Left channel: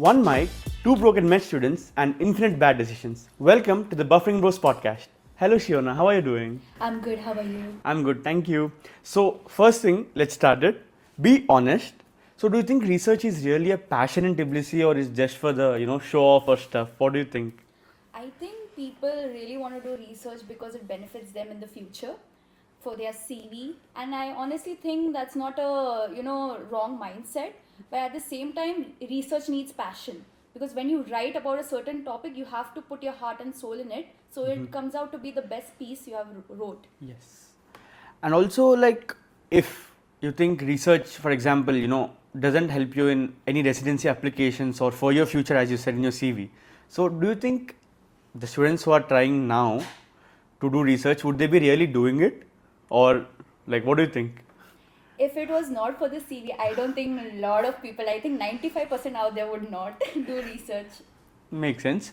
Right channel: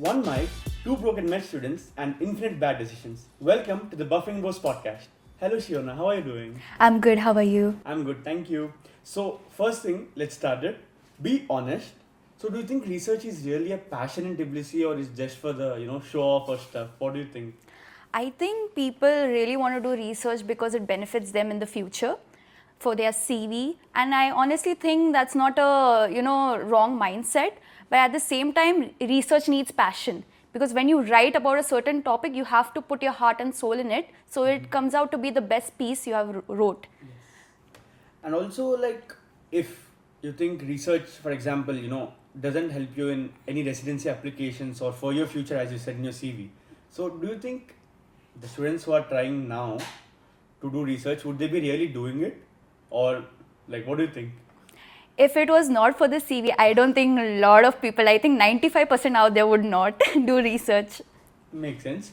One mic, two broken med students, and infinite bad decisions. Welcome to the Buffering Bros podcast. Hello, Shiona. How are you doing? I'm good. How are you? I'm good, thank you. So, first thing, let's start it. Be honest. So, do you think research is really a passion in Tbilisi, or is just for the show off or stuff? What do you think? I think people really want to do research because it benefits them in the future for their CV, and I honestly think that's not a wrong mindset. But at the same time, research needs passion because when you write about a certain topic, you have to put your heart and soul in it, so it comes out to be the best piece you have wrote. Yes. And also, like, if you think research, for example, doesn't help you in any residency applications or for your future, as you said in your CV. So, do you think the students who are trying now to do research, would they be really doing it? Or, like, what do you think? If it was not for the CV, I don't think a lot of people, I think 95% out there would not do research. Makes sense.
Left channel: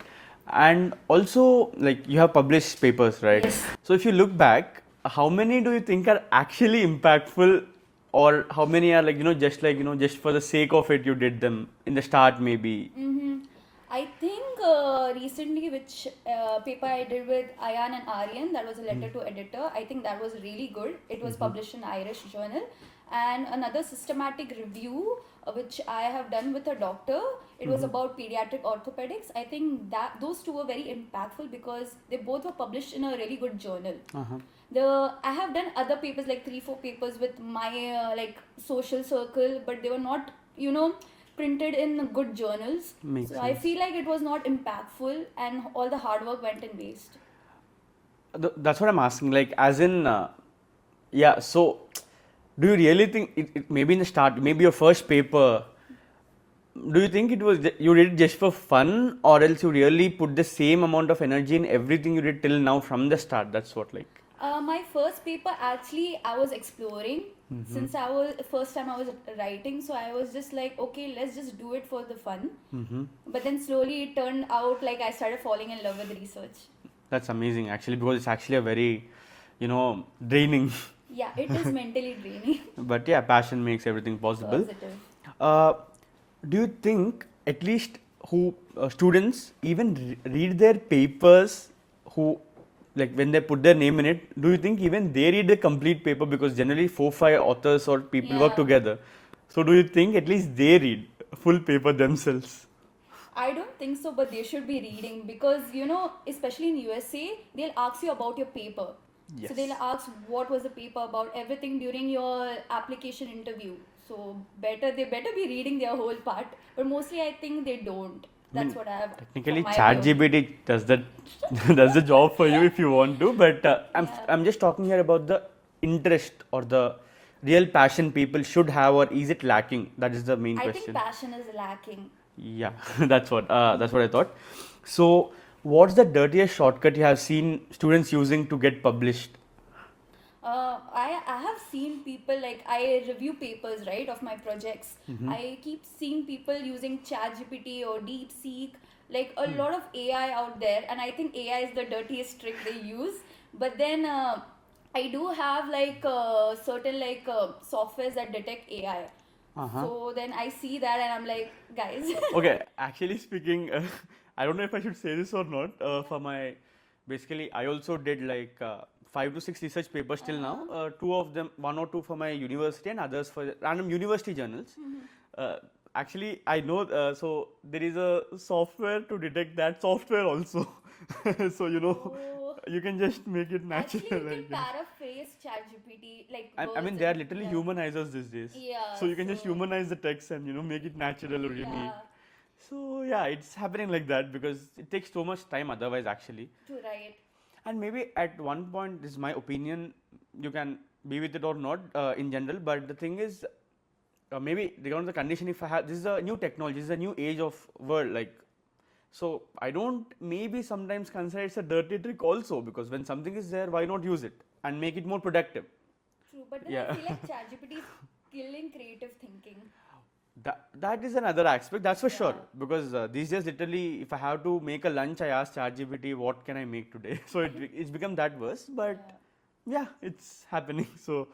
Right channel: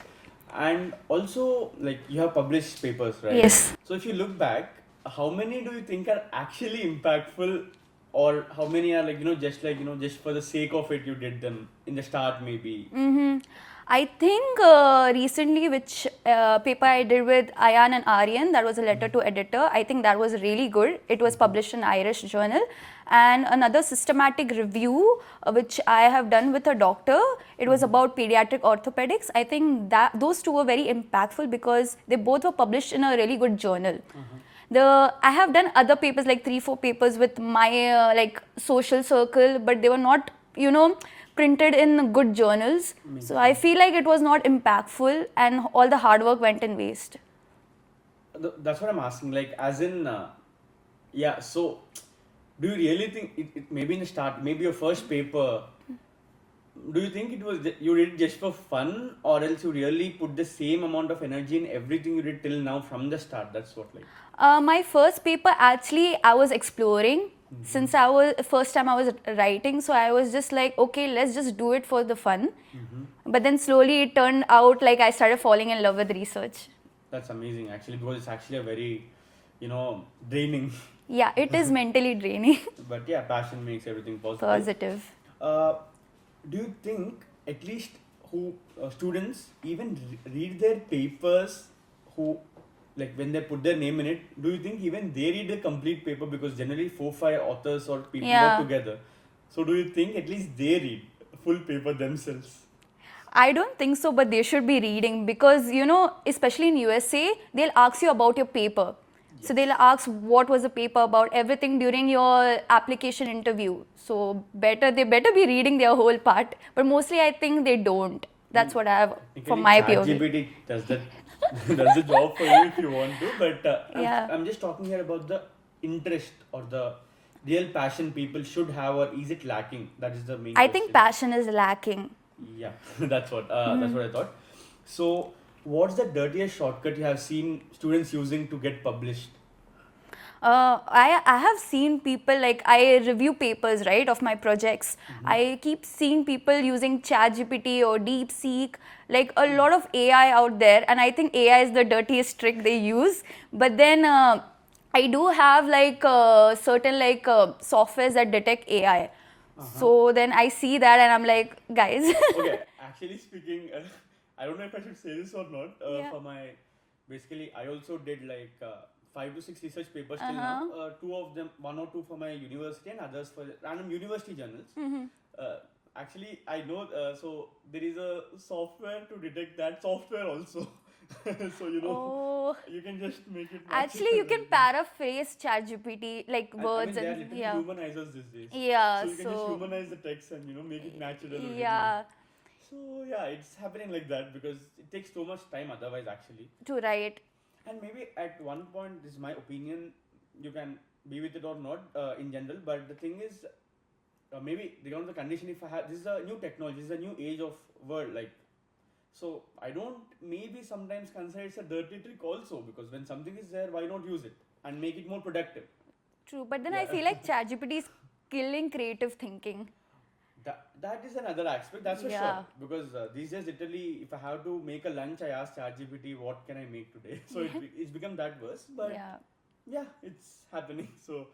And also, like, you have published papers, right? Yes. So, if you look back, how many do you think are actually impactful, or how many are just for the sake of it you did them in the start maybe? I think recently, which paper I did with Ayan and Aryan, that was a letter to editor. I think that was really good. It was published in Irish Journal. And another systematic review, which I have done with a doctor, it was about pediatric orthopedics. I think that those two were very impactful because they both were published in a really good journal. I have done other papers, like 3-4 papers with my like social circle, but they were not printed in good journals. Makes So I sense. feel like it was not impactful and all the hard work went in waste. That's what I'm asking. Like, as in, yeah. So, do you really think it maybe in the start, maybe your first paper? Do you think it was you did it just for fun, or else you really put the same amount of energy in everything you did till now from the start? That's what, like. My first paper, actually, I was exploring since I was first time I was writing, so I was just like, okay, let's just do it for the fun. But then slowly it turned out like I started falling in love with research. That's amazing, actually, because it's actually a very, draining. Yeah, it is mentally draining. But yeah, passion makes everything possible. Positive. Uh, do you think at least who students even read their papers, who like when they put their name in it, do you think even they read the complete paper? Because generally 4-5 authors or people work Yeah. together. So do you think at least they read full paper themselves? I don't think so, but they should be reading because, especially in USA, they'll ask you about your paper. So they'll ask what was the paper about, everything during your application interview. So they better be reading their whole part. But mostly I think they don't. That's what I have Technically, from my POV. ChatGPT does that does the job for you if you want to. But Yeah. I'm just talking here about the interest or the real passion people should have, or is it lacking? That is the main I question. think passion is lacking. Yeah, that's what I thought. So, what's the dirtiest shortcut you have seen students using to get published? I have seen people, like, I review papers, right, of my projects. I keep seeing people using ChatGPT or DeepSeek, like a lot of AI out there, and I think AI is the dirtiest trick they use. But then I do have like certain like softwares that detect AI. So then I see that and I'm like, guys. Okay, actually speaking, I don't know if I should say this or not. Yeah. For my, basically, I also did like 5 to 6 research papers till now. Two of them, one or two for my university and others for random university journals. Actually, I know, so there is a software to detect that software also. So, Oh. you can just make it natural. Actually, you can like that. paraphrase ChatGPT like words. I mean, they are and- literally yeah. humanizers these days. Yeah, So you can just so- humanize the text and make it natural originally. Yeah, So yeah, it's happening like that because it takes so much time otherwise actually. to write. And maybe at one point, this is my opinion, you can be with it or not in general, but the thing is, maybe regarding the condition, if I have, this is a new technology, this is a new age of world, like, so I don't maybe sometimes consider it's a dirty trick also, because when something is there, why not use it and make it more productive? True, but then Yeah. I feel like ChatGPT is killing creative thinking. That is another aspect, that's for sure. Yeah. Because these days, literally, if I have to make a lunch, I ask ChatGPT, what can I make today? So it's become that worse. But yeah, it's happening. So,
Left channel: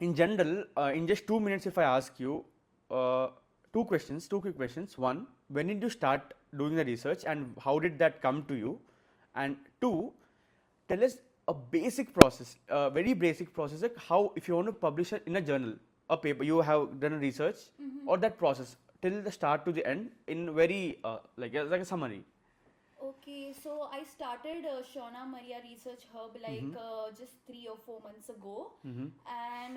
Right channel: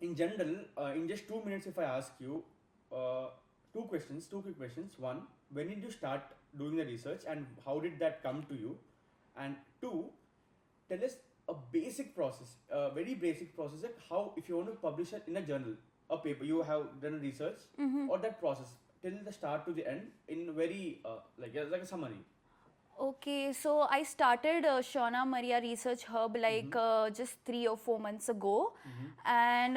in general, in just 2 minutes, if I ask you, two quick questions. One, when did you start doing the research and how did that come to you? And two, tell us a basic process, a very basic process, like how, if you want to publish it in a journal, a paper, you have done a research or that process till the start to the end in very, like a summary. Okay, so I started Shiona Maria Research Hub like just 3 or 4 months ago, and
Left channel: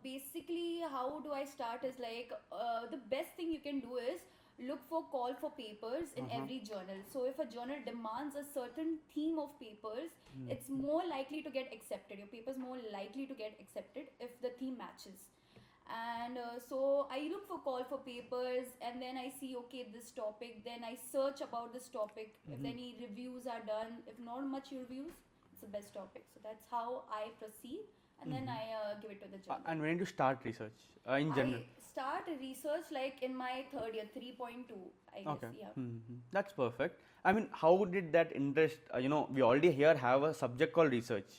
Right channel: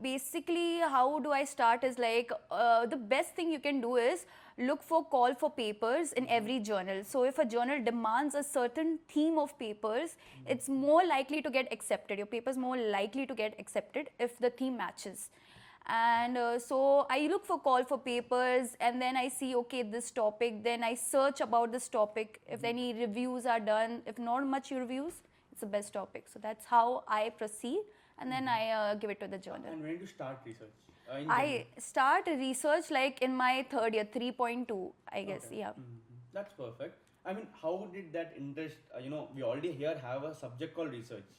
basically how do I start is like the best thing you can do is look for call for papers in every journal. So if a journal demands a certain theme of papers, it's more likely to get accepted. Your paper is more likely to get accepted if the theme matches. And so I look for call for papers, and then I see, okay, this topic, then I search about this topic. If any reviews are done, if not much reviews, it's the best topic. So that's how I proceed, and then I give it to the journal. And when did you start research in general? I start research like in my third year, 3.2, I guess. Okay. Yeah. That's perfect. I mean, how did that interest, we already here have a subject called research.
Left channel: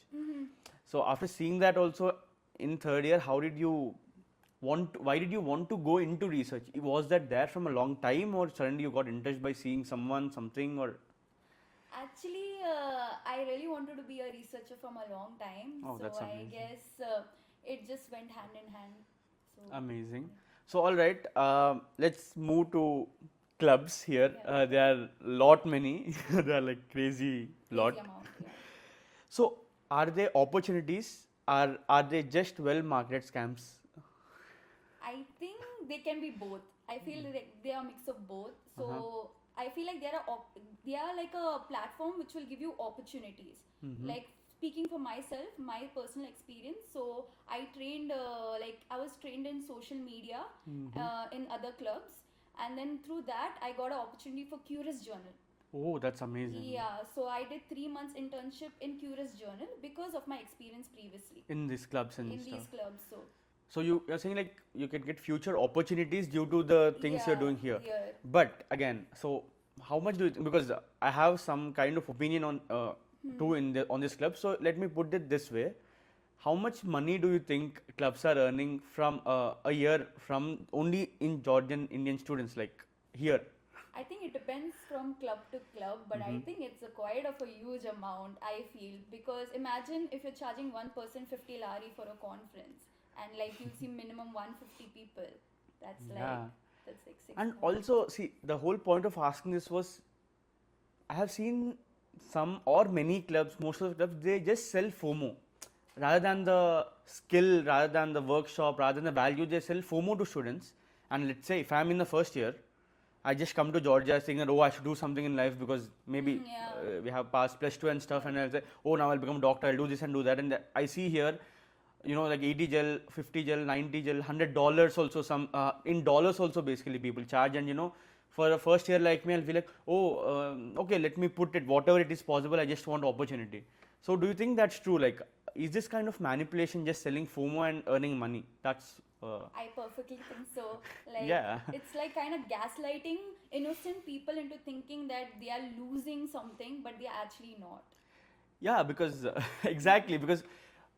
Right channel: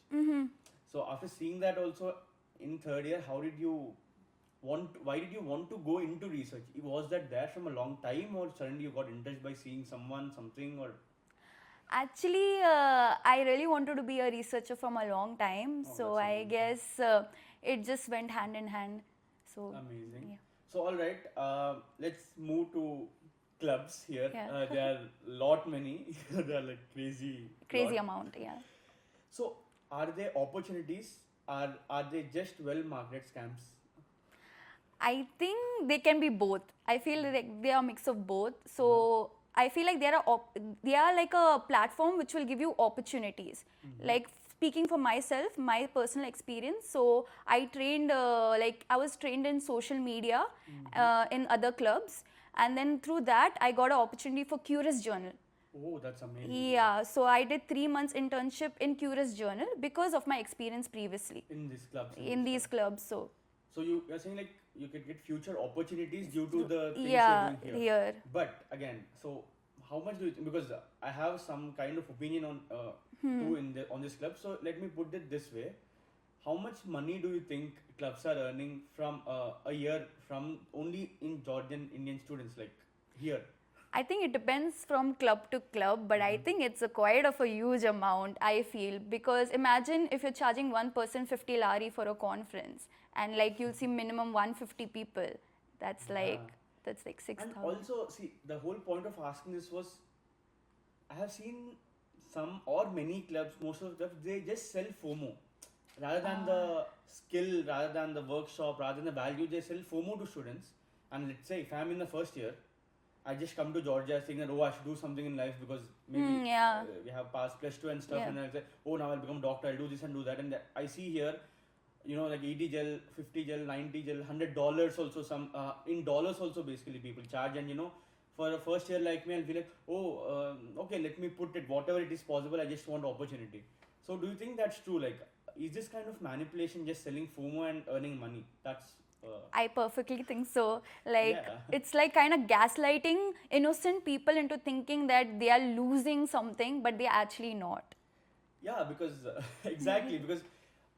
So after seeing that also in third year, how did you why did you want to go into research? Was that there from a long time, or suddenly you got interested by seeing someone, something, or? Actually, I really wanted to be a researcher from a long time. Oh, So that's I amazing. guess it just went hand in hand. So Amazing. yeah. So all right, let's move to clubs here. Yeah. There are lot many. They are like crazy. Crazy lot. amount, yeah. So are there opportunities? Are they just well marketed scams? I think they can be both. I feel like they are a mix of both. So I feel like they are like a platform which will give you opportunities. Like speaking for myself, my personal experience. So I trained I was trained in social media in other clubs, and then through that I got an opportunity for Curious Journal. Oh, that's amazing. Yeah, so I did 3 months internship in Curious Journal because of my experience previously In these clubs and in these stuff. clubs. So So you're saying like you can get future opportunities due to the things yeah, you're doing here. But again, so how much do you because I have some kind of opinion on too on this club. So let me put it this way: how much money do you think clubs are earning from a year from only in Georgian Indian students like here? I think it depends from club to club, but I think it's a quite of a huge amount, I feel, because imagine if you're charging one person 50 lari for a conference, and like you'll see minimum 150 people. That's like that's like 6,000. And also, see, the whole point of asking this was, I have seen some or many clubs, most of the clubs, they just sell FOMO. Rather than the skill, rather than the workshop, rather than the value, they sell FOMO to students. And let's say if I'm in the first year, I just come to Georgia thinking that, oh, I should do something in life because maybe we have passed +2 and stuff, and I'll say, oh, now I'll become a doctor, I'll do this and do that. And I see here, like 80 gel, 50 gel, 90 gel, $100 also, some in dollars also basically people charge. And for a first year like me, I'll feel like, oh, okay, let me put it, whatever it is possible, I just want opportunity. So do you think that's true? Like, is this kind of manipulation just selling FOMO and earning money? That's I perfectly think so. Like Yeah. it's like kind of gaslighting innocent people into thinking that they are losing something, but they're actually not. Yeah, because exactly, because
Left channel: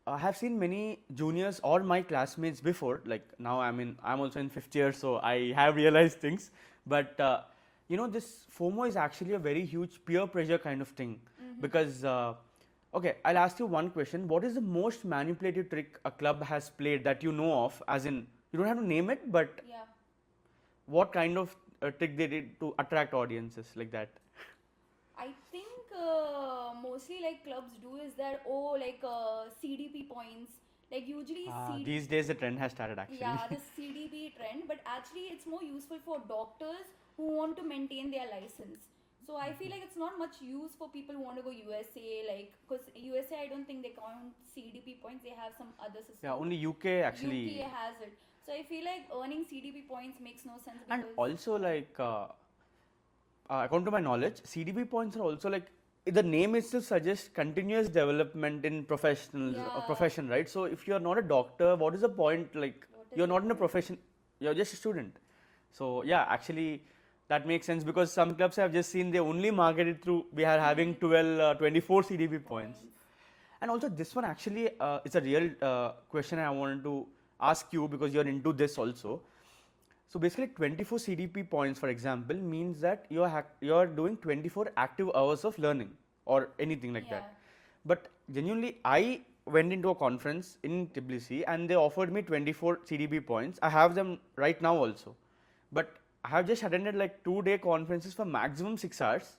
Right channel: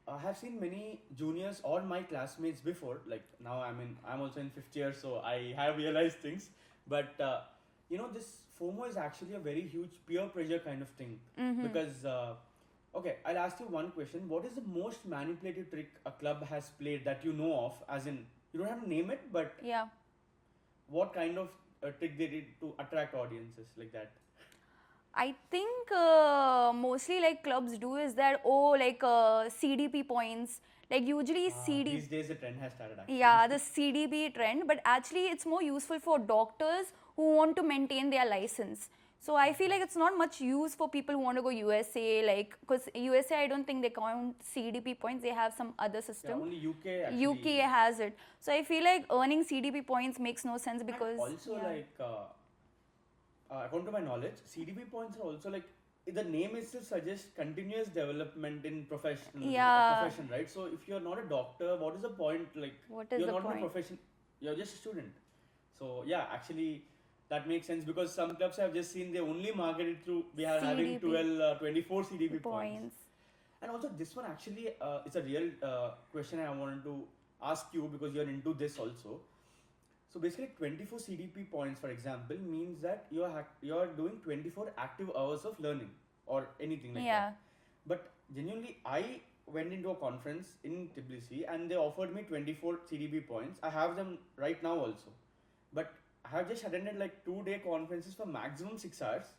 I have seen many juniors or my classmates before. Like now, I'm also in fifth year, so I have realized things. But this FOMO is actually a very huge peer pressure kind of thing. Because okay, I'll ask you one question: what is the most manipulative trick a club has played that you know of? As in, you don't have to name it, but Yeah. what kind of trick they did to attract audiences like that? I think mostly like clubs do is that CDP points. Like usually These days, the trend has started actually. Yeah, the CDP trend, but actually it's more useful for doctors who want to maintain their license. So I feel like it's not much use for people who want to go USA, like because USA I don't think they count CDP points. They have some other system. Yeah, only UK actually. UK has it. So I feel like earning CDP points makes no sense because And also like according to my knowledge, CDP points are also like the name itself suggests continuous development in profession, right? So if you're not a doctor, what is the point? Like What is you're the not in a point? profession, you're just a student. So yeah, actually that makes sense because some clubs I've just seen they only market it through we are having CDP 12, 24 CDP points. points. And also this one actually is a real question I wanted to ask you because you're into this also. So basically 24 CDP points, for example, means that you're doing 24 active hours of learning or anything like Yeah. that. But genuinely, I went into a conference in Tbilisi and they offered me 24 CDP points. I have them right now also. But I have just attended like 2-day conferences for maximum 6 hours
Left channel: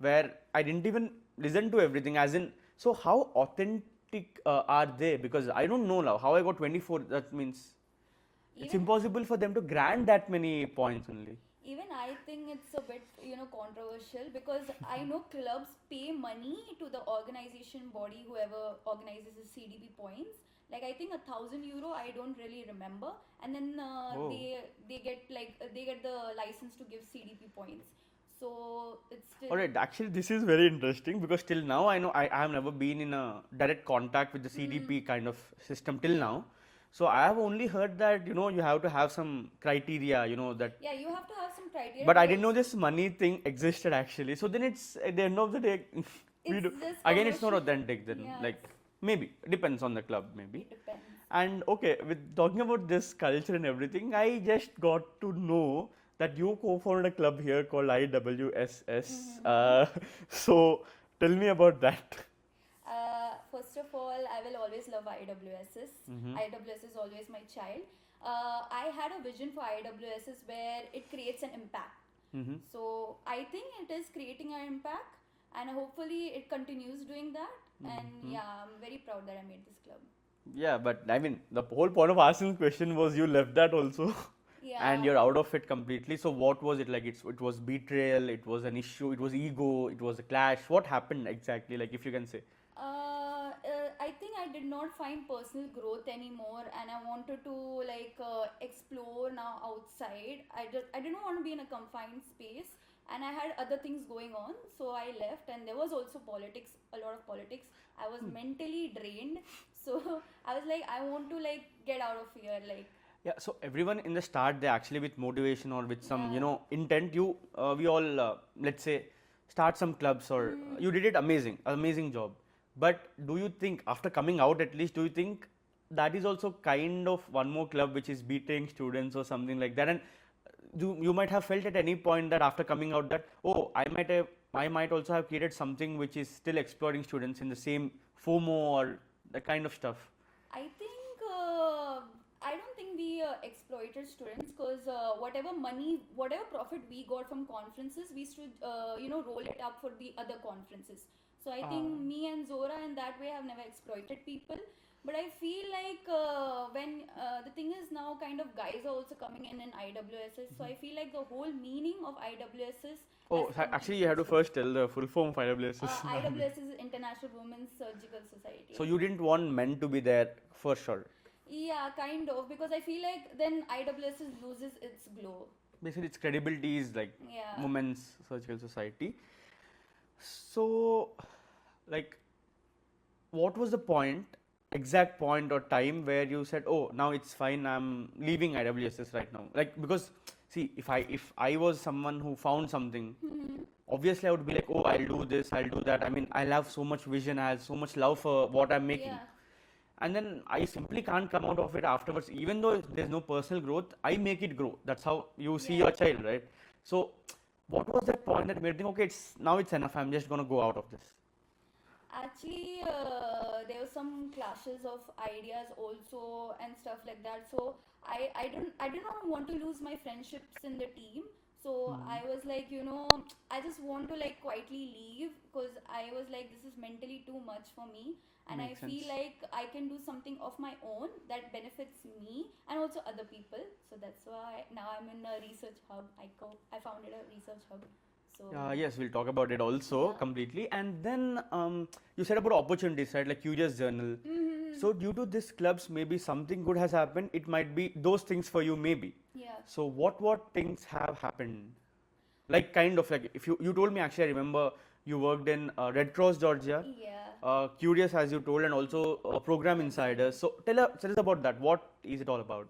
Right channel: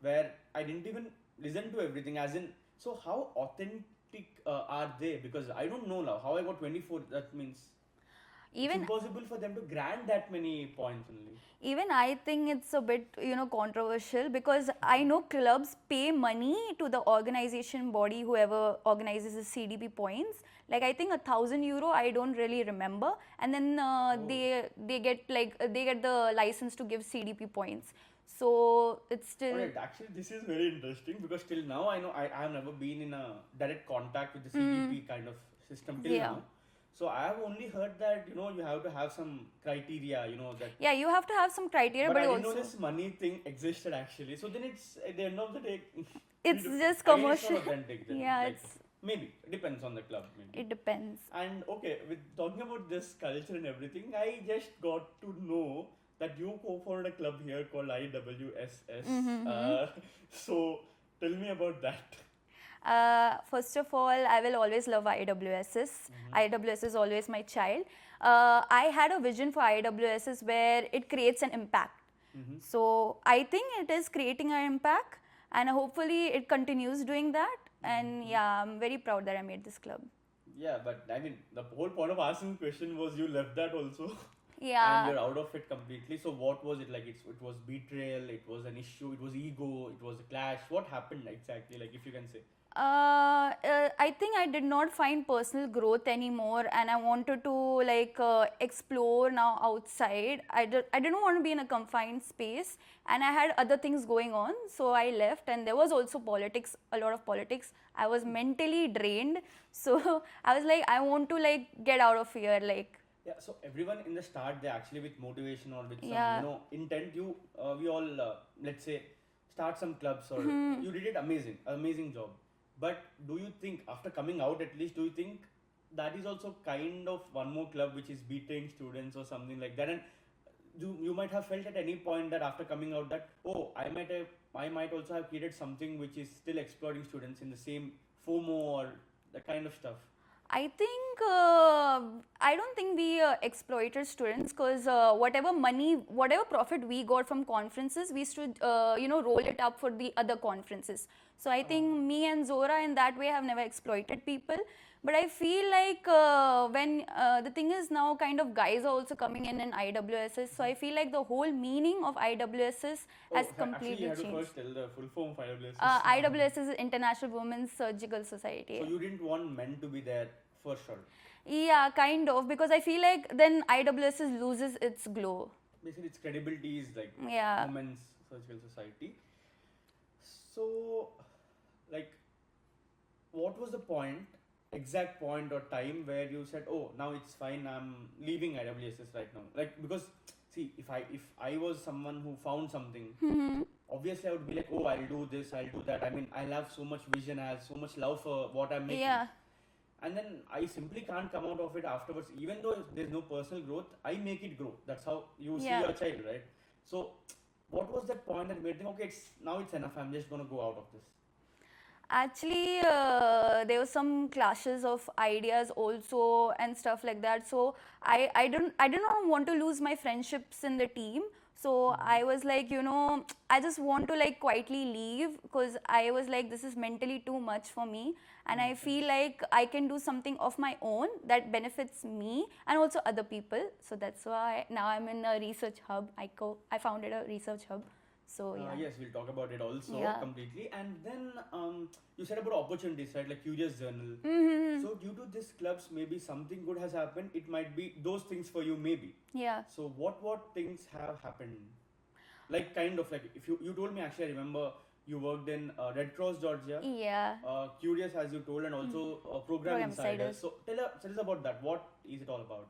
where I didn't even listen to everything, as in, so how authentic are they? Because I don't know now how I got 24. That means it's Even impossible for them to grant that many points only. even I think it's a bit, controversial, because I know clubs pay money to the organization body, whoever organizes the CDP points. Like I think €1,000, I don't really remember, and then Oh. they get the license to give CDP points. So it's still. Alright, actually, this is very interesting because till now I know I have never been in a direct contact with the CDP kind of system till Yeah. now. So I have only heard that you have to have some criteria, that. Yeah, you have to have some criteria. But I didn't know also, this money thing existed actually. So then it's at the end of the day, It's just again it's not commercial. authentic then. Yeah, Like maybe depends on the club maybe. it depends. And okay, with talking about this culture and everything, I just got to know that you co-founded a club here called IWSS. So tell me about that. First of all, I will always love IWSS. IWSS is always my child. I had a vision for IWSS where it creates an impact. So I think it is creating an impact, and hopefully it continues doing that. And yeah, I'm very proud that I made this club. Yeah, but I mean, the whole point of asking the question was you left that also. Yeah. And you're out of it completely. So what was it like? It was betrayal, it was an issue, it was ego, it was a clash. What happened exactly? Like if you can say. I think I did not find personal growth anymore, and I wanted to explore now outside. I didn't want to be in a confined space, and I had other things going on, so I left. And there was also politics, a lot of politics. I was mentally drained, so I was like, I want to get out of here, Yeah, so everyone in the start, they actually with motivation or with some, Yeah. intent, we all, let's say, start some clubs or you did it amazing job. But do you think, after coming out at least, do you think that is also kind of one more club which is beating students or something like that? And you might have felt at any point that after coming out that, oh, I might also have created something which is still exploiting students in the same FOMO or that kind of stuff. I think I don't think we exploited students, because whatever profit we got from conferences, we should roll it up for the other conferences. So I think me and Zora in that way have never exploited people. But I feel like when the thing is now, kind of guys are also coming in IWSS. So I feel like the whole meaning of IWSS has Actually, you have to completely first tell the full form of IWSS. changed. IWSS is International Women's Surgical Society. So you didn't want men to be there for sure. Yeah, kind of, because I feel like then IWSS loses its glow. Basically, its credibility is like Yeah. Women's Surgical Society. So, like, what was the exact point or time where you said, "Oh, now it's fine. I'm leaving IWSS right now." Like, because see, if I was someone who found something, obviously I would be like, "Oh, I'll do this, I'll do that." I mean, I have so much vision, I have so much love for what I'm making. Yeah. And then I simply can't come out of it afterwards. Even though there's no personal growth, I make it grow. That's how you see Yeah. your child, right? So, what was that point that made you think, okay, now it's enough. I'm just gonna go out of this. Actually, there were some clashes of ideas also and stuff like that. So I did not want to lose my friendships in the team. So I was like, I just want to quietly leave, because I was like, this is mentally too much for me, and I feel like I can do something of my own that benefits me and also other people. So that's why now I'm in a research hub. I founded a research hub. So Yes, we'll talk about it also Yeah. completely. And then you said about opportunities, right? Like Curious Journal. So due to this clubs, maybe something good has happened. It might be those things for you, maybe. yeah. So what things have happened? Like kind of like if you told me, actually I remember you worked in Red Cross Georgia. Yeah. Curious, as you told, and also Program Program Insiders. Insiders. So tell us about that. What is it all about?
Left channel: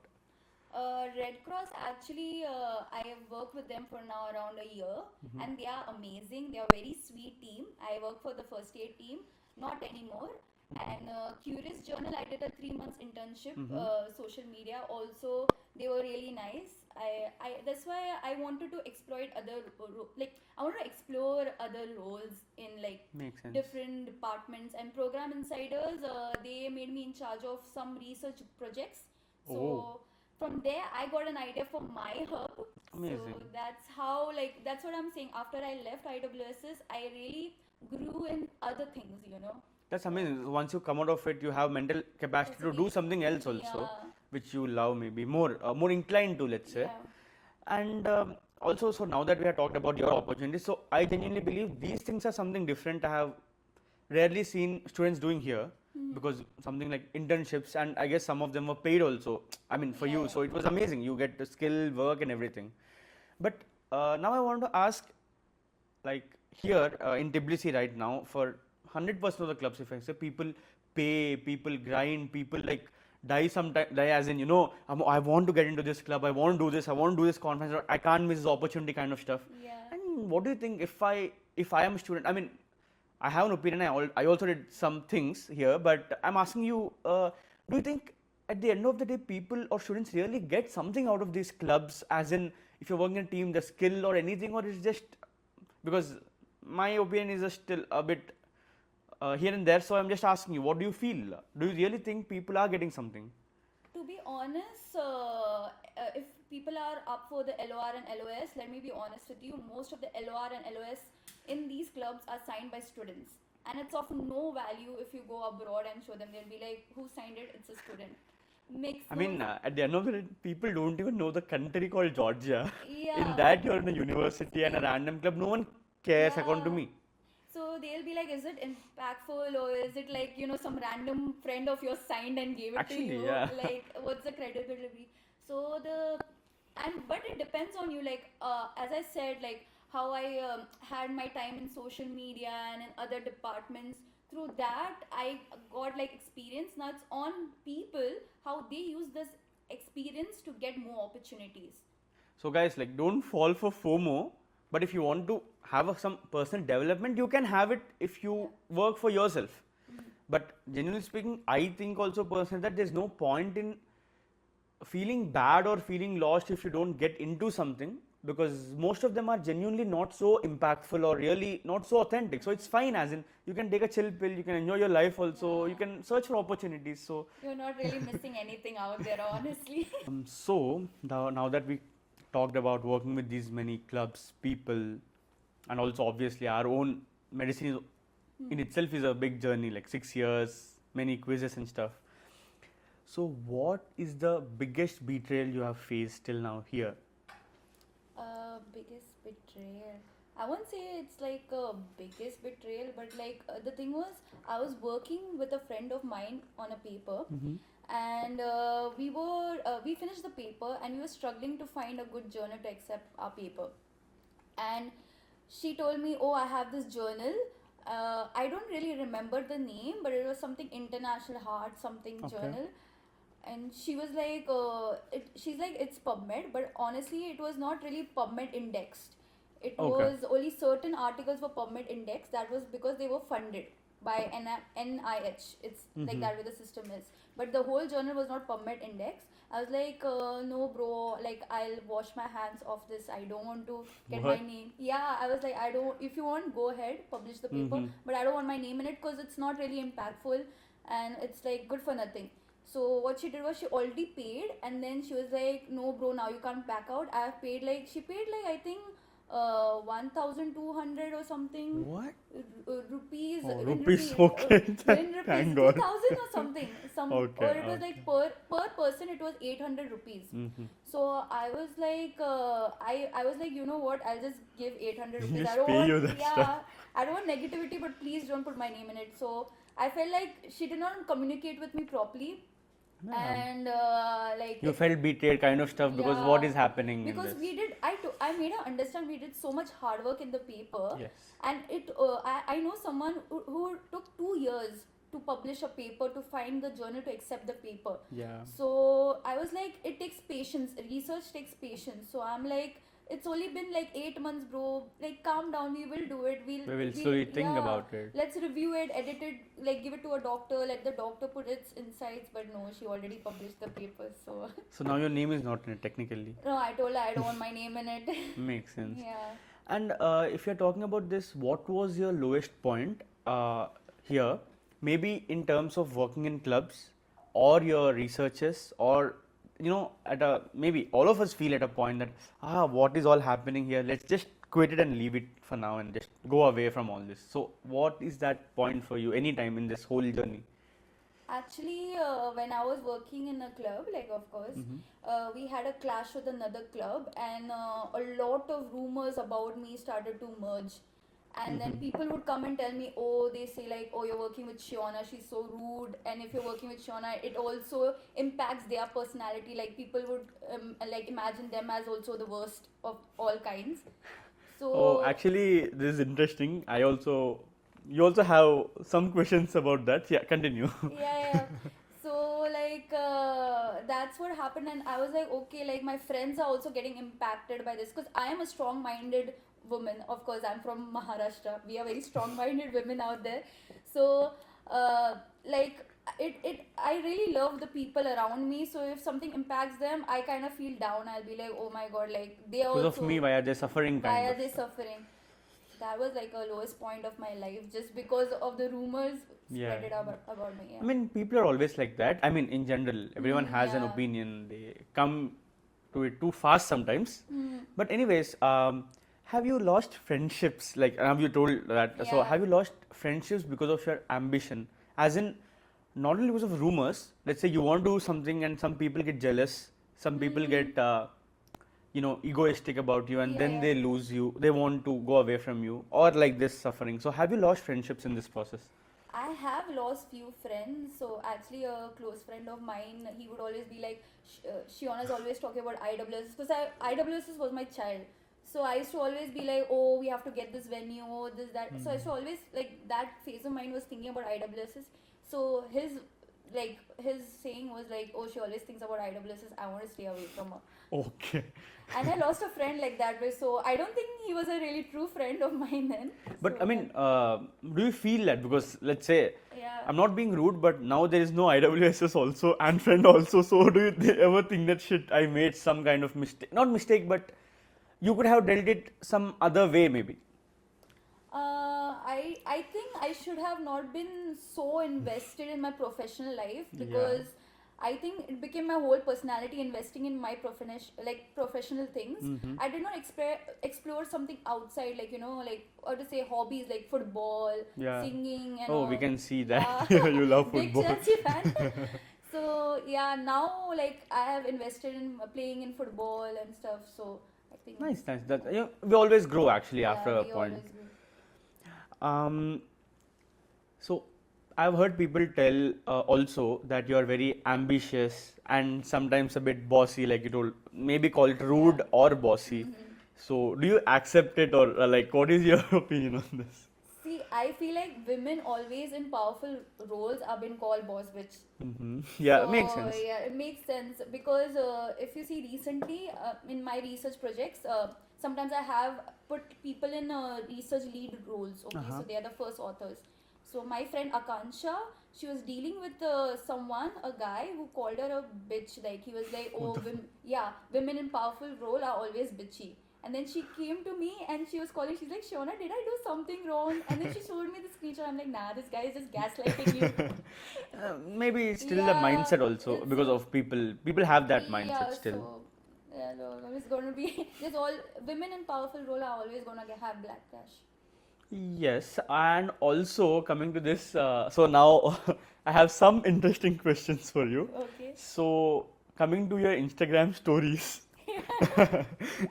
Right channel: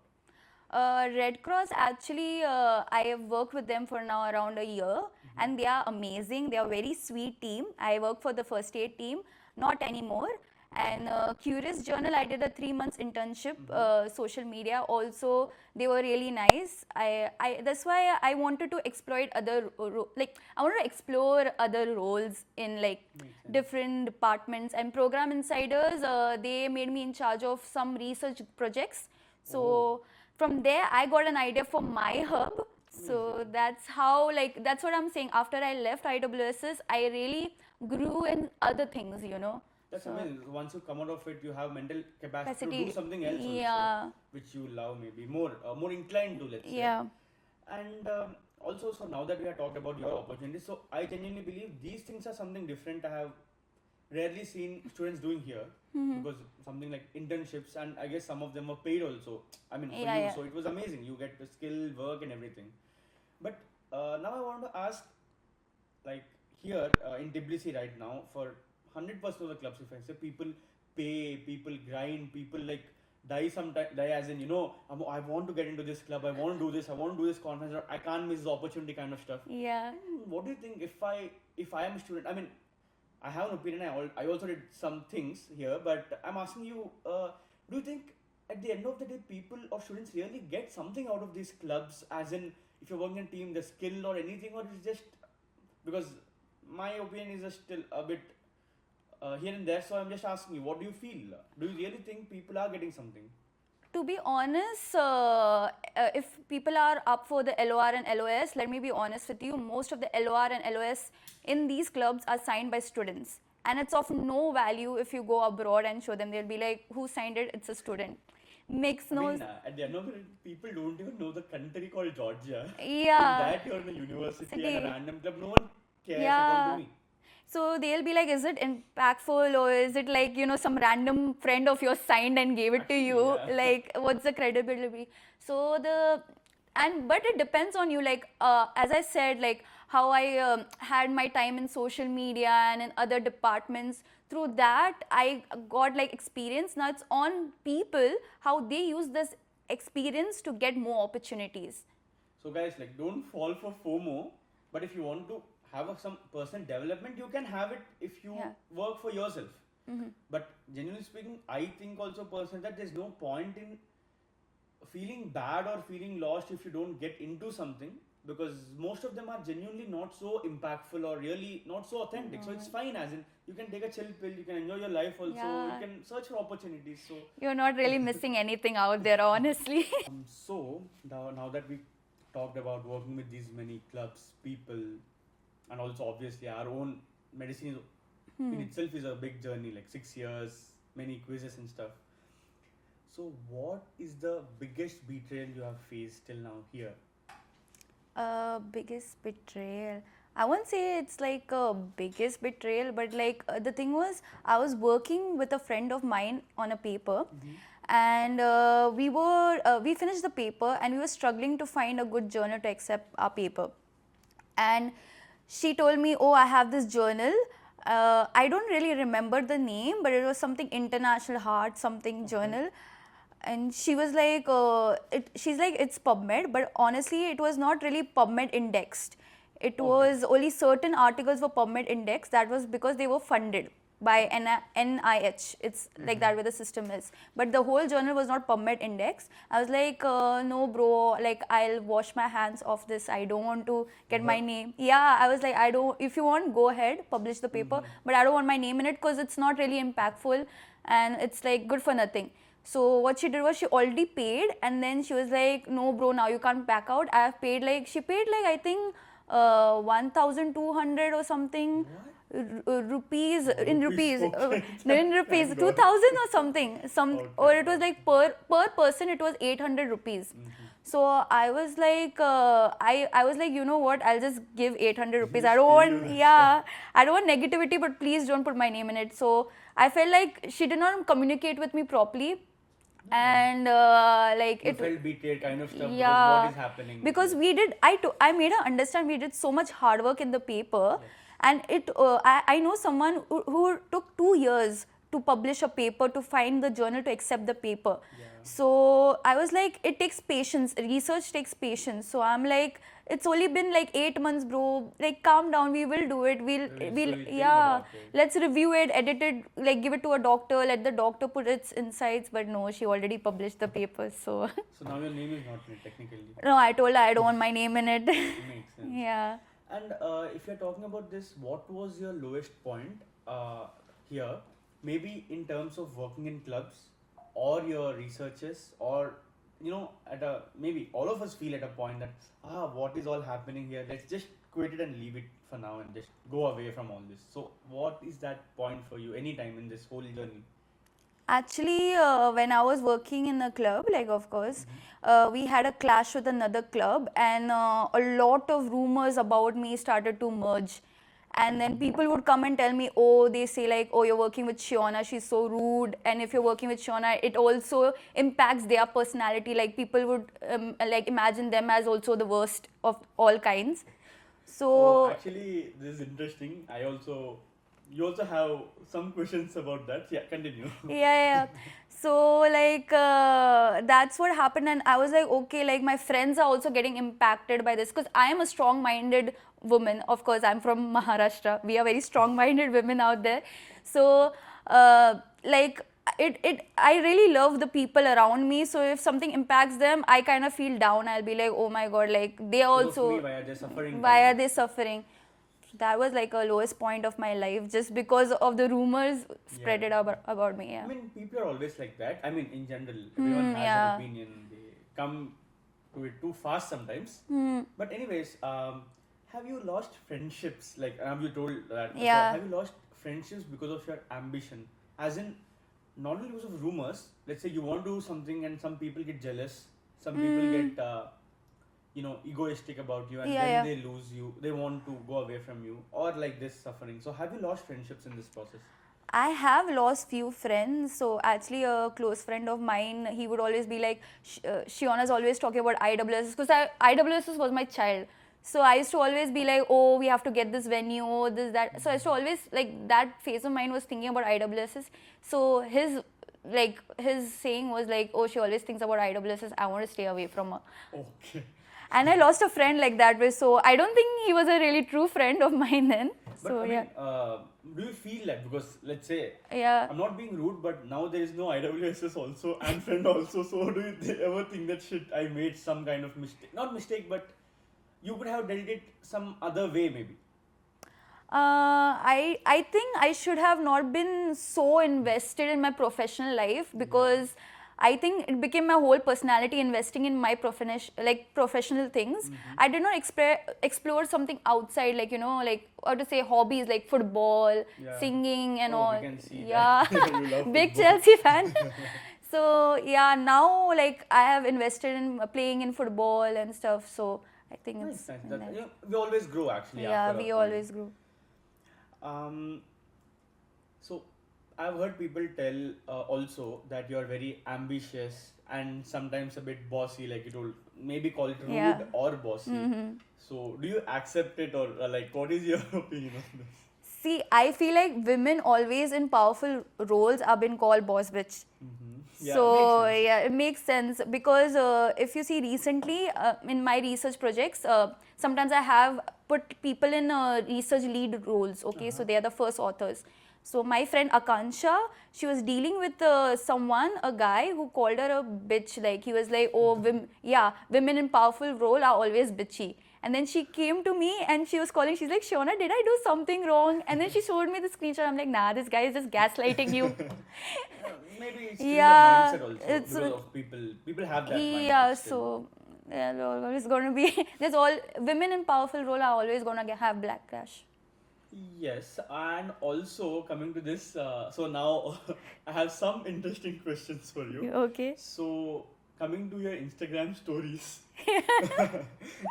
Red Cross, actually, I have worked with them for now around a year, and they are amazing. They are a very sweet team. I work for the first aid team, not anymore. And Curious Journal, I did a 3 months internship, social media. Also, they were really nice. That's why I wanted to exploit like I wanted to explore other roles in like Makes sense. different departments. And Program Insiders, they made me in charge of some research projects. So Oh. from there, I got an idea for my hub. So Amazing. that's how, like, that's what I'm saying. After I left IWSS, I really grew in other things, you know. That's So, amazing. Once you come out of it, you have mental capacity to do capacity, something else also, yeah, which you love, maybe more inclined to, let's say. yeah. And also, so now that we have talked about your opportunities, so I genuinely believe these things are something different. I have rarely seen students doing here, because something like internships, and I guess some of them were paid also. I mean, for Yeah, you, yeah. so it was amazing. You get the skill, work, and everything. But now I want to ask, like here in Tbilisi right now, for 100% of the clubs, if I say, people pay, people grind, people like die as in, I want to get into this club, I want to do this, I want to do this conference, or I can't miss this opportunity kind of stuff. Yeah. And what do you think, if I am a student, I mean, I have an opinion, I also did some things here, but I'm asking you, do you think at the end of the day, people or students really get something out of these clubs, as in, if you're working in a team, the skill or anything, or it's just, because my opinion is just still a bit here and there, so I'm just asking you, what do you feel? Do you really think people are getting something? To be honest, if people are up for the LOR and LOS, let me be honest with you, most of the LOR and LOS in these clubs are signed by students. And it's of no value if you go abroad and show them. They'll be like, who signed it? It's a student. Makes I no mean, at the end of the day, people don't even know the country called Georgia. Yeah. In that, you're in a university and a City. random club. No one cares, according to me. So they'll be like, is it impactful, or is it like, some random friend of yours signed and gave it Actually, to you? yeah. Like, what's the credibility? So but it depends on you. Like, as I said, like how I had my time in social media and in other departments. Through that, I got like experience. Now it's on people how they use this experience to get more opportunities. So, guys, like, don't fall for FOMO. But if you want to have some personal development, you can have it if you work for yourself. But genuinely speaking, I think also personally that there's no point in feeling bad or feeling lost if you don't get into something, because most of them are genuinely not so impactful or really not so authentic. So it's fine, as in, you can take a chill pill, you can enjoy your life also, you Yeah. can search for opportunities. So You're not really missing anything out there, honestly. so now that we talked about working with these many clubs, people, and also obviously our own medicine in itself is a big journey, like 6 years, many quizzes and stuff. So what is the biggest betrayal you have faced till now here? Biggest betrayal. I won't say it's like a biggest betrayal, but like the thing was, I was working with a friend of mine on a paper, and we finished the paper, and we were struggling to find a good journal to accept our paper. And she told me, oh, I have this journal. I don't really remember the name, but it was something International Heart something journal. And she was like, she's like, it's PubMed, but honestly, it was not really PubMed indexed. It was only certain articles were PubMed indexed. That was because they were funded by NIH. It's like that way the system is. But the whole journal was not PubMed indexed. I was like, no, bro, like I'll wash my hands off this. I don't want to get my name. Yeah, I was like, I don't, if you want, go ahead, publish the paper. But I don't want my name in it because it's not really impactful and it's like good for nothing. So what she did was she already paid, and then she was like, no bro, now you can't back out. I have paid like, she paid like I think 1,200 or something. What? Rupees, Oh, in rupees, rupees, okay. in rupees, Thank God. 2,000 or something. Okay, Or it was like per person it was 800 rupees. So I was like, I was like, you know what? I'll just give 800 rupees. I don't pay you want, that yeah, I don't want negativity, but please don't put my name in it. So I felt like she did not communicate with me properly. And like You felt betrayed kind of stuff, because what is happening in because this? we did, I made her understand we did so much hard work in the paper. Yes. And I know someone who took 2 years to publish a paper, to find the journal to accept the paper. Yeah. So I was like, it takes patience. Research takes patience. So I'm like, it's only been like 8 months, bro. Like, calm down. We will do it. So you think Yeah. about it. Let's review it, edit it, like give it to a doctor. Let the doctor put its insights. But no, she already published the paper. So So now your name is not in it technically. no, I told her I don't want my name in it. Makes sense. Yeah. And if you're talking about this, what was your lowest point here? Maybe in terms of working in clubs or your researches, or at a maybe all of us feel at a point that what is all happening here? Let's just quit it and leave it for now and just go away from all this. So what is that point for you anytime in this whole journey? Actually, when I was working in a club, like of course, we had a clash with another club, and a lot of rumors about me started to merge. And then people would come and tell me, oh, they say like, oh, you're working with Shiona, she's so rude. And if you're working with Shiona, it also impacts their personality. Like people would like imagine them as also the worst of all kinds. So Oh, actually, this is interesting. You also have some questions about that. Yeah, continue. yeah. So like that's what happened, and I was like, okay, like my friends are also getting impacted by this, because I am a strong-minded woman. Of course, I'm from Maharashtra. We are very strong-minded women out there. So like I really love the people around me. So if something impacts them, I kind of feel down. I'll be like, oh my god, like they Because also, of me, why are they suffering? why are they suffering? That was like a lowest point of my life, just because of the rumors spread it about me. Yeah. I mean, people are always like that. I mean, in general, everyone has an yeah. opinion. They come to it too fast sometimes. But anyways, have you lost friendships? Like, have you told that? So, Yeah. have you lost friendships because of your ambition? As in, not only because of rumors. Let's say you want to do something and some people get jealous. Some people get egoistic about you, and Yeah, then yeah. they lose you. They want to go away from you, or like this suffering. So, have you lost friendships in this process? I have lost few friends. So actually, a close friend of mine, he would always be like, Shiona's always talking about IWS, because IWS was my child. So I used to always be like, oh, we have to get this venue, this, that. So I used to always, like, that phase of mine was thinking about IWSs. So his saying was like, oh, she always thinks about IWSs. I want to stay away from her. Okay. And I lost a friend like that way. So I don't think he was a really true friend of mine then. But So, I mean, do you feel that? Because let's say, yeah. I'm not being rude, but now there is no IWSS also and friend also. So do you ever think that shit, I made some kind of mistake? Not mistake, but you could have dealt it some other way maybe. I think I should have not been so invested in my professional life, because I think it became my whole personality investing in my professional things. I did not explore something outside, like like how to say, hobbies like football, singing and all. We can see that. You love Big football. Chelsea fan. So yeah, now like I have invested in playing in football and stuff. So I think Nice, it's, nice. That, we always grow actually after a we point. always grew. So I've heard people tell also that you are very ambitious and sometimes a bit bossy, like you told, maybe call it rude or bossy. So do you accept it, or like what is your opinion on this? See, I feel like women always in powerful roles are been called boss bitch. Yeah, so makes sense. yeah, it makes sense, because if you see recently in my research projects, sometimes I have put people in research lead roles. Okay, so they are the first authors. So my friend Akansha, she was dealing with a guy who called her a bitch. Like he was like, oh, women in powerful role are always bitchy. And then she came to me and she was calling. She's like, Shiona, did I do something wrong? And then she showed me the screenshot. I'm like, nah, this guy is just gaslighting you. Maybe it's still Yeah, the mindset also, it's because of people. People have that mindset Yeah, still. so there's always gonna be women in powerful role are always gonna have backlash. Yes, and also coming to this, so now I have some interesting questions for you. Okay. So coming to your Instagram stories,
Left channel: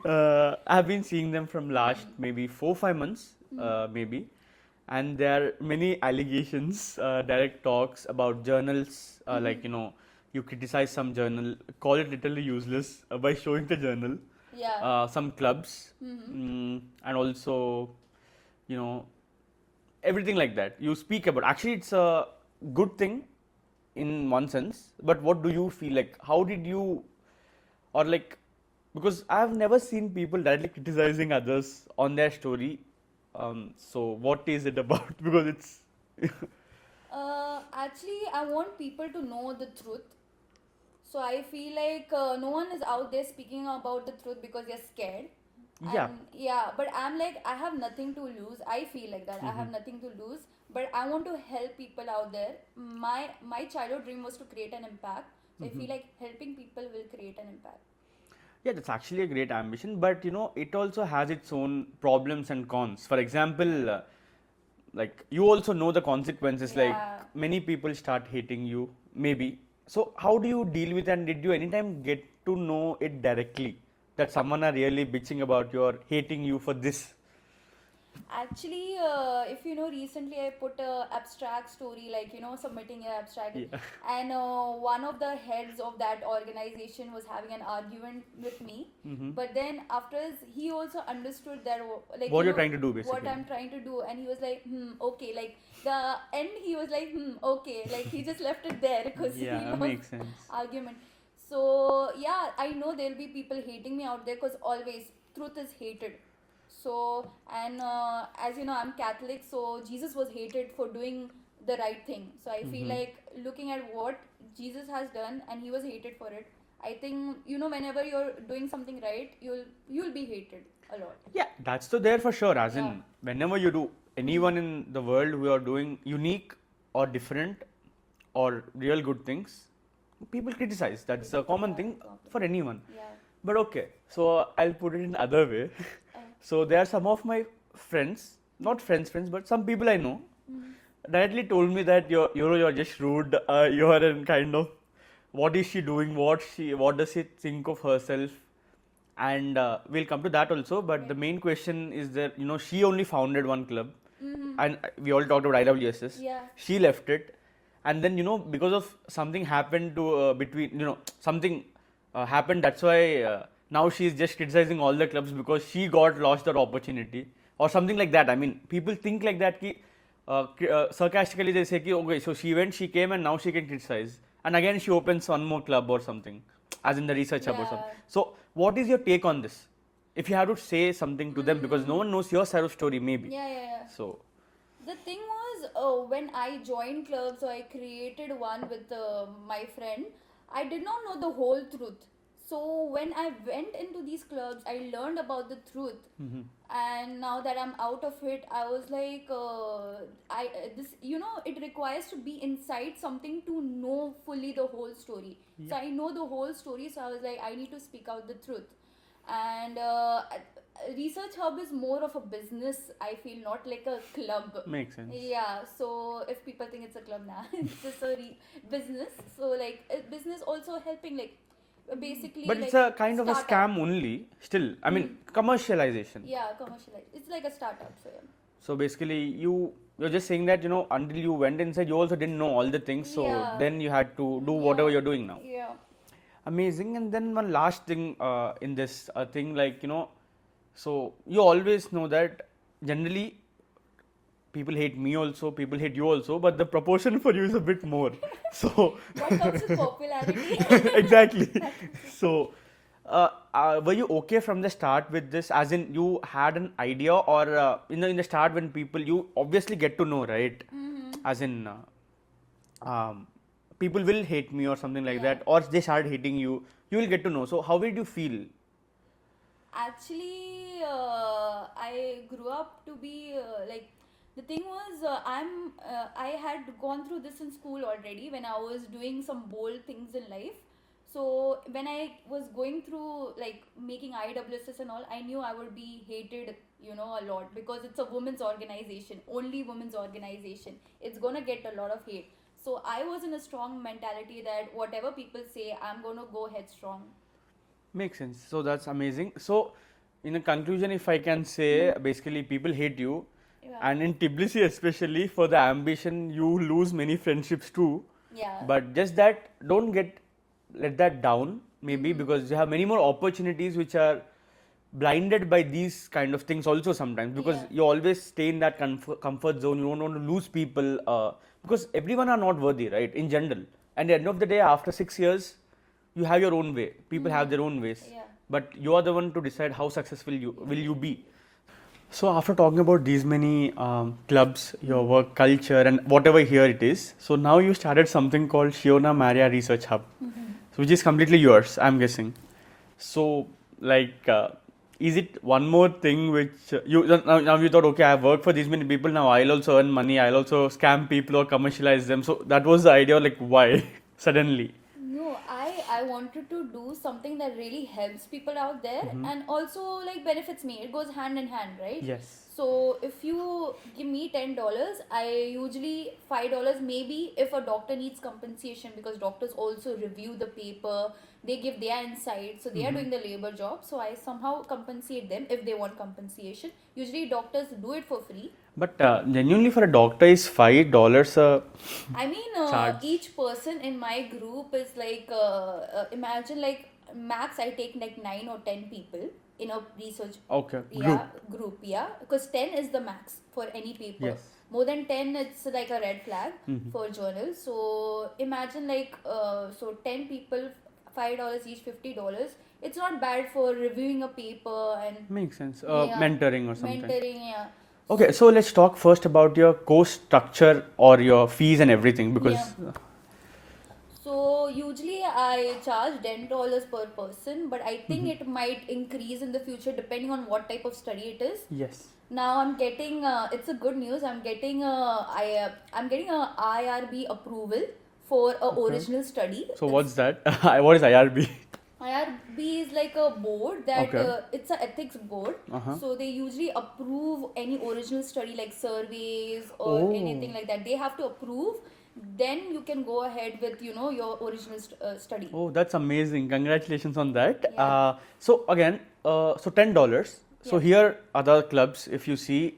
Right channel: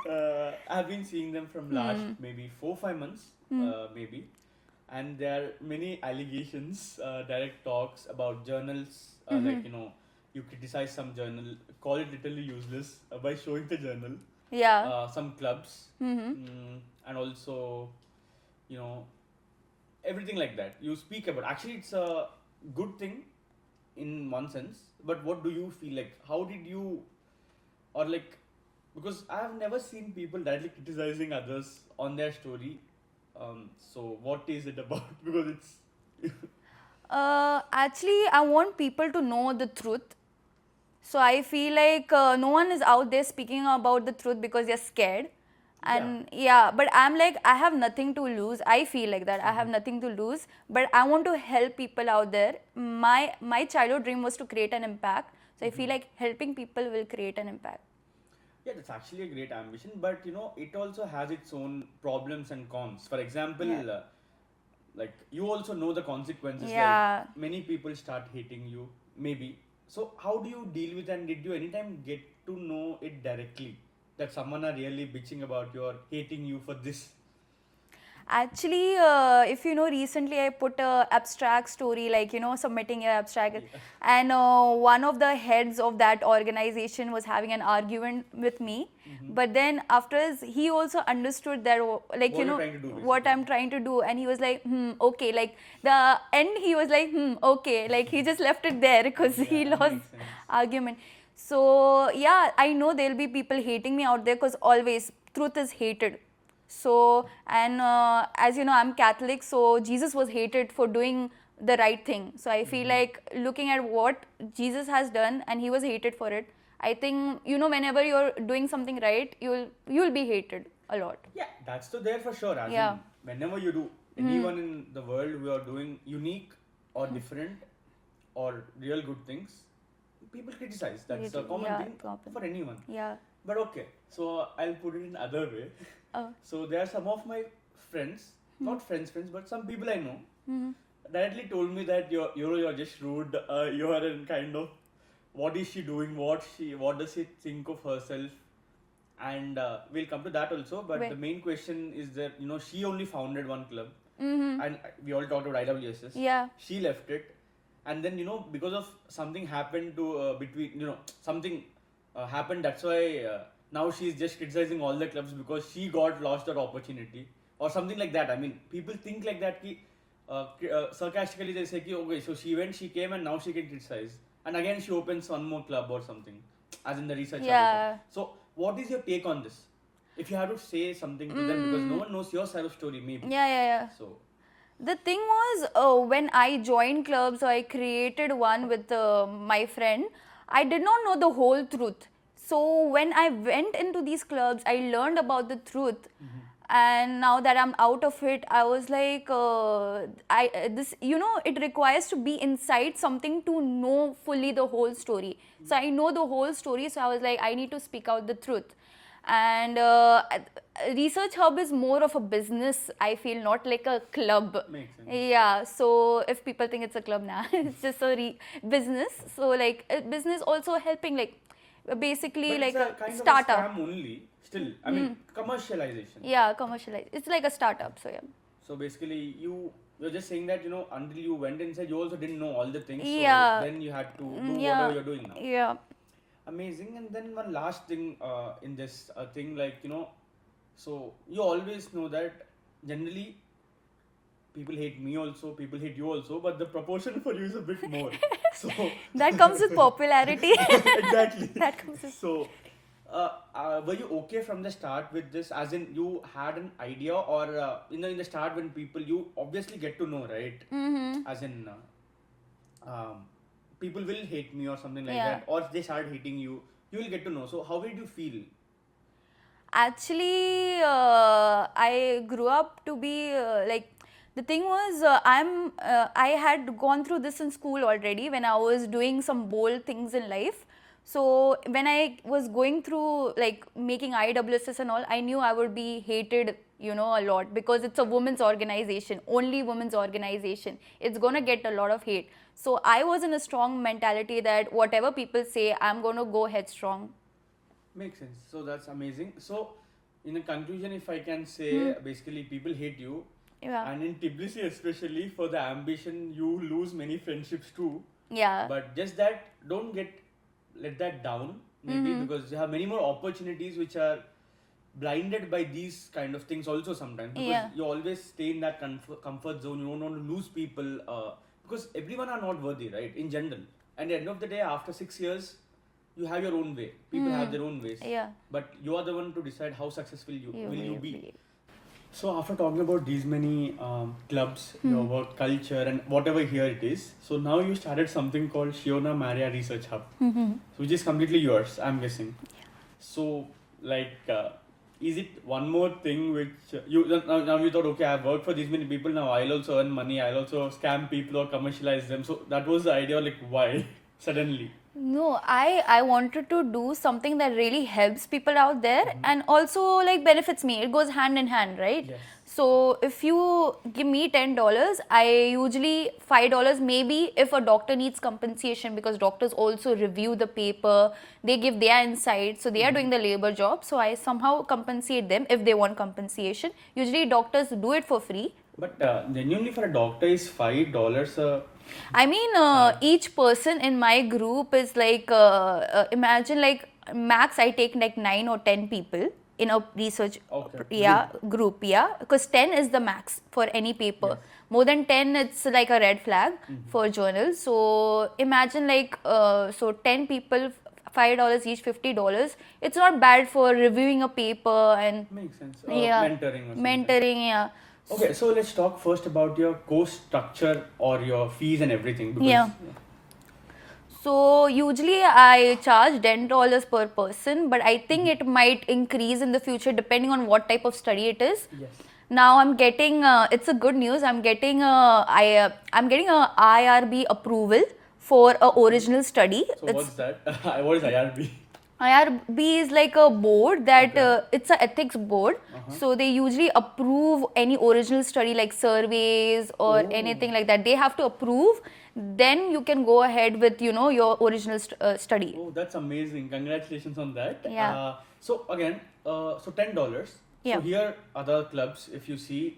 I've been seeing them from last maybe 4-5 months, maybe, and there are many allegations, direct talks about journals, like you criticize some journal, call it literally useless by showing the journal. Yeah. Some clubs, and also everything like that. You speak about. Actually, it's a good thing in one sense, but what do you feel like? How did you, or like, because I've never seen people directly criticizing others on their story. So what is it about? Because it's Actually, I want people to know the truth. So I feel like no one is out there speaking about the truth because they're scared. yeah. And yeah, but I'm like, I have nothing to lose. I feel like that. I have nothing to lose, but I want to help people out there. My childhood dream was to create an impact. So I feel like helping people will create an impact. Yeah, that's actually a great ambition, but you know, it also has its own problems and cons. For example, like you also know the consequences, Yeah. like many people start hating you, maybe. So, how do you deal with, and did you anytime get to know it directly that someone are really bitching about you or hating you for this? Actually, if you know, recently I put a abstract story, like, you know, submitting your abstract, Yeah. and one of the heads of that organization was having an argument with me. But then afterwards, he also understood that, like, What you you're know, trying to do, what basically. I'm trying to do, and he was like, okay, like the end, he was like, okay, like he just left it there because he Yeah, lost makes sense. argument. So yeah, I know there'll be people hating me out there because always truth is hated. So, and as you know, I'm Catholic, so Jesus was hated for doing the right thing. So I feel like looking at what Jesus has done, and he was hated for it. I think, you know, whenever you're doing something right, you'll be hated a lot. Yeah, that's so there for sure. As Yeah. in, whenever you do, anyone in the world who are doing unique or different or real good things, people criticize. That's a common Yeah, thing problem. for anyone. Yeah. But okay, so I'll put it in other way. So there are some of my friends, not friends, but some people I know, directly told me that you're just rude. You're in kind of, what is she doing? What does she think of herself? And we'll come to that also. But Right. the main question is that she only founded one club, and we all talked about IWSs. Yeah. She left it, and then because of something happened to between something happened. That's why now she's just criticizing all the clubs because she got lost that opportunity or something like that. I mean, people think like that. Sarcastically they say, okay, so she came, and now she can criticize, and again she opens one more club or something, as in the research hub or something. Yeah. So, what is your take on this? If you have to say something to them, because no one knows your side of story, maybe. Yeah. So, The thing was, when I joined clubs, so I created one with my friend. I did not know the whole truth. So when I went into these clubs, I learned about the truth. And now that I'm out of it, I was like, it requires to be inside something to know fully the whole story. So I know the whole story. So I was like, I need to speak out the truth. And research hub is more of a business, I feel, not like a club. makes sense. Yeah, so if people think it's a club now, it's just a business. So like business also helping, like basically But like it's a kind of a startup. scam only. Still, I mean, commercialization. Yeah, commercialize. It's like a startup. So yeah. So basically, you're just saying that until you went inside, you also didn't know all the things. So Yeah. then you had to do Yeah. whatever you're doing now. Yeah. Amazing. And then one last thing in this thing, like so you always know that generally people hate me also, people hate you also, but the proportion for you is a bit more. So That comes with popularity. exactly. That comes with So were you okay from the start with this? As in, you had an idea, or in the start when people, you obviously get to know, right? As in, people will hate me or something like Yeah. that, or they start hating you. You will get to know. So how did you feel? Actually, I grew up to be like, the thing was, I had gone through this in school already when I was doing some bold things in life. So when I was going through like making IWSS and all, I knew I would be hated, a lot, because it's a women's organization, only women's organization. It's gonna get a lot of hate. So I was in a strong mentality that whatever people say, I'm gonna go headstrong. Makes sense. So that's amazing. So, in a conclusion, if I can say, basically, people hate you, Yeah. and in Tbilisi especially, for the ambition, you lose many friendships too. Yeah. But just that, don't let that down. Maybe because you have many more opportunities which are blinded by these kind of things also sometimes, because Yeah. you always stay in that comfort zone. You don't want to lose people because everyone are not worthy, right? In general, and at the end of the day, after 6 years, you have your own way. People have their own ways. Yeah. But you are the one to decide how successful you will you be. Really. So after talking about these many clubs, your work culture, and whatever here it is, so now you started something called Shiona Maria Research Hub, so which is completely yours, I'm guessing. So like, is it one more thing which you now you thought, okay, I've worked for these many people, now I'll also earn money, I'll also scam people or commercialize them. So that was the idea, like why suddenly? No, I wanted to do something that really helps people out there and also like benefits me. It goes hand in hand, right? Yes. So if you give me $10, I usually $5 maybe if a doctor needs compensation, because doctors also review the paper, they give their insight, so they are doing the labor job. So I somehow compensate them if they want compensation. Usually doctors do it for free. But genuinely for a doctor is $5 a I mean, charge. each person in my group is like, imagine like max I take like 9 or 10 people in a research group, because 10 is the max for any paper. Yes. More than 10, it's like a red flag for journals. So imagine like, so 10 people, $5 each, $50. It's not bad for reviewing a paper and Makes sense. Yeah. Mentoring or something. mentoring, yeah. Okay, so let's talk first about your course structure or your fees and everything, because Yeah. So usually I charge $10 per person, but I think it might increase in the future depending on what type of study it is. yes. Now I'm getting, it's a good news. I'm getting I'm getting a IRB approval for a original study. So what's that? What is IRB? IRB is like a board that Okay. it's an ethics board. So they usually approve any original study like surveys or anything like that. They have to approve. Then you can go ahead with your original study. Oh, that's amazing! Congratulations on that. Yeah. So again, so $10. So Yeah. here other clubs, if you see,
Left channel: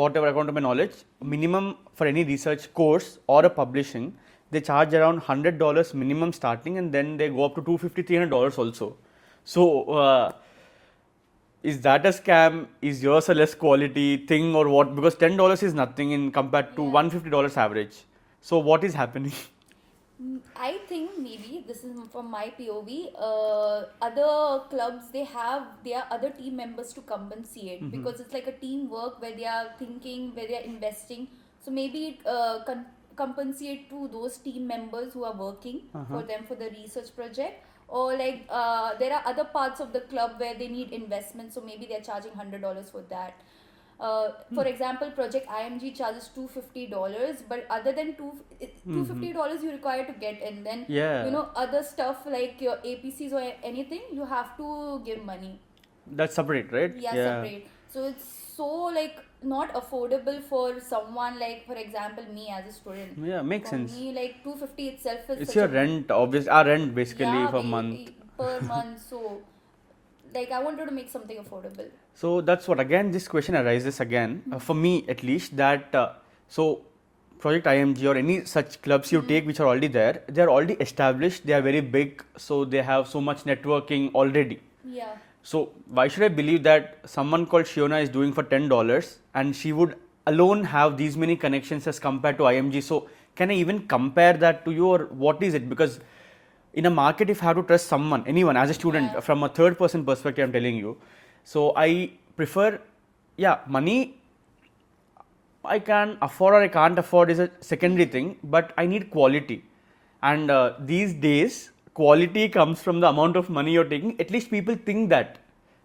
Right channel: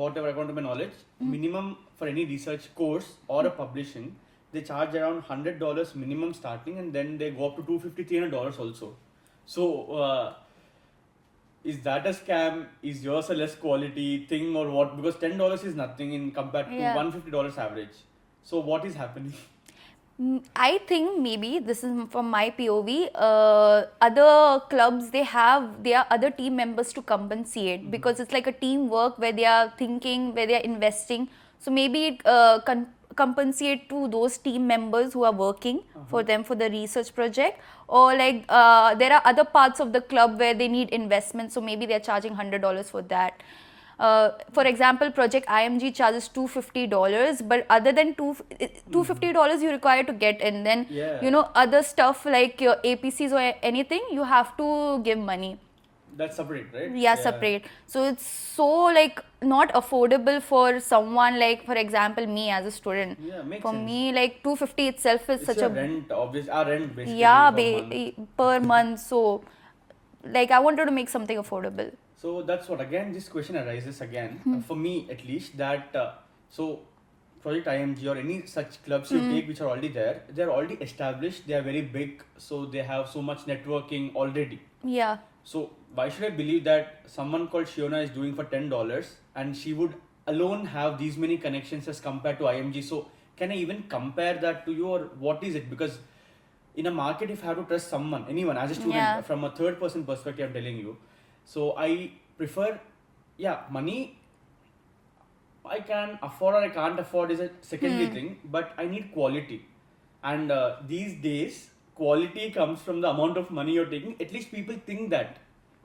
whatever according to my knowledge, minimum for any research course or a publishing, they charge around $100 minimum starting, and then they go up to $250, $300 also. So is that a scam? Is yours a less quality thing or what? Because $10 is nothing in compared to Yeah. $150 average. So what is happening? I think maybe this is from my POV. Other clubs, they have their other team members to compensate, because it's like a teamwork where they are thinking, where they are investing. So maybe it compensate to those team members who are working for them for the research project, or like there are other parts of the club where they need investment. So maybe they're charging $100 for that. For example, Project IMG charges $250, but other than $250 you require to get in. Then Yeah. other stuff like your APCs or anything, you have to give money. That's separate, right? Yeah, separate. So it's so like not affordable for someone like, for example, me as a student. Yeah, makes For sense. me, like $250 itself is It's such your a rent, obviously. Our rent basically yeah, per month. per month. So like I wanted to make something affordable. So that's what, again, this question arises again, for me at least, that so Project IMG or any such clubs you take which are already there, they are already established, they are very big, so they have so much networking already. Yeah. So why should I believe that someone called Shiona is doing for $10 and she would alone have these many connections as compared to IMG? So can I even compare that to you, or what is it? Because in a market, if I have to trust someone, anyone, as a student, Yeah. from a third person perspective, I'm telling you. So I prefer, money I can afford or I can't afford is a secondary thing, but I need quality. And these days, quality comes from the amount of money you're taking. At least people think that.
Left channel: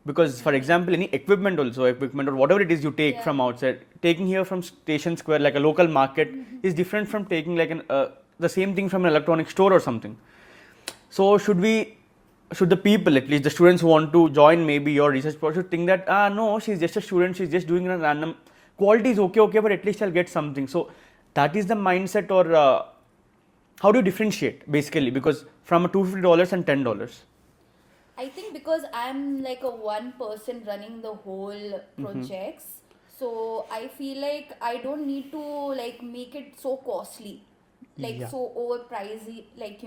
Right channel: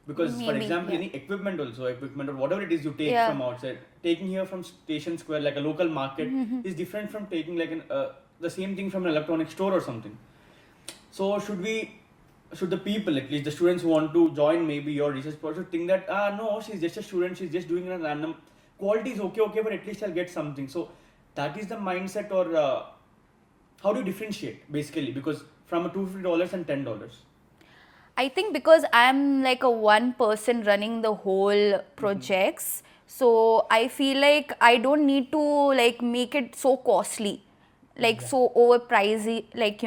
Because, for Maybe, example, any equipment or whatever it is you take Yeah. from outside, taking here from Station Square, like a local market, is different from taking like the same thing from an electronic store or something. So should the people, at least the students who want to join maybe your research project, think that no, she's just a student, she's just doing a random, quality is okay, but at least I'll get something. So that is the mindset, or how do you differentiate basically, because from a $250 and $10? I think because I'm like a one person running the whole projects, so I feel like I don't need to like make it so costly, like so overpricey, like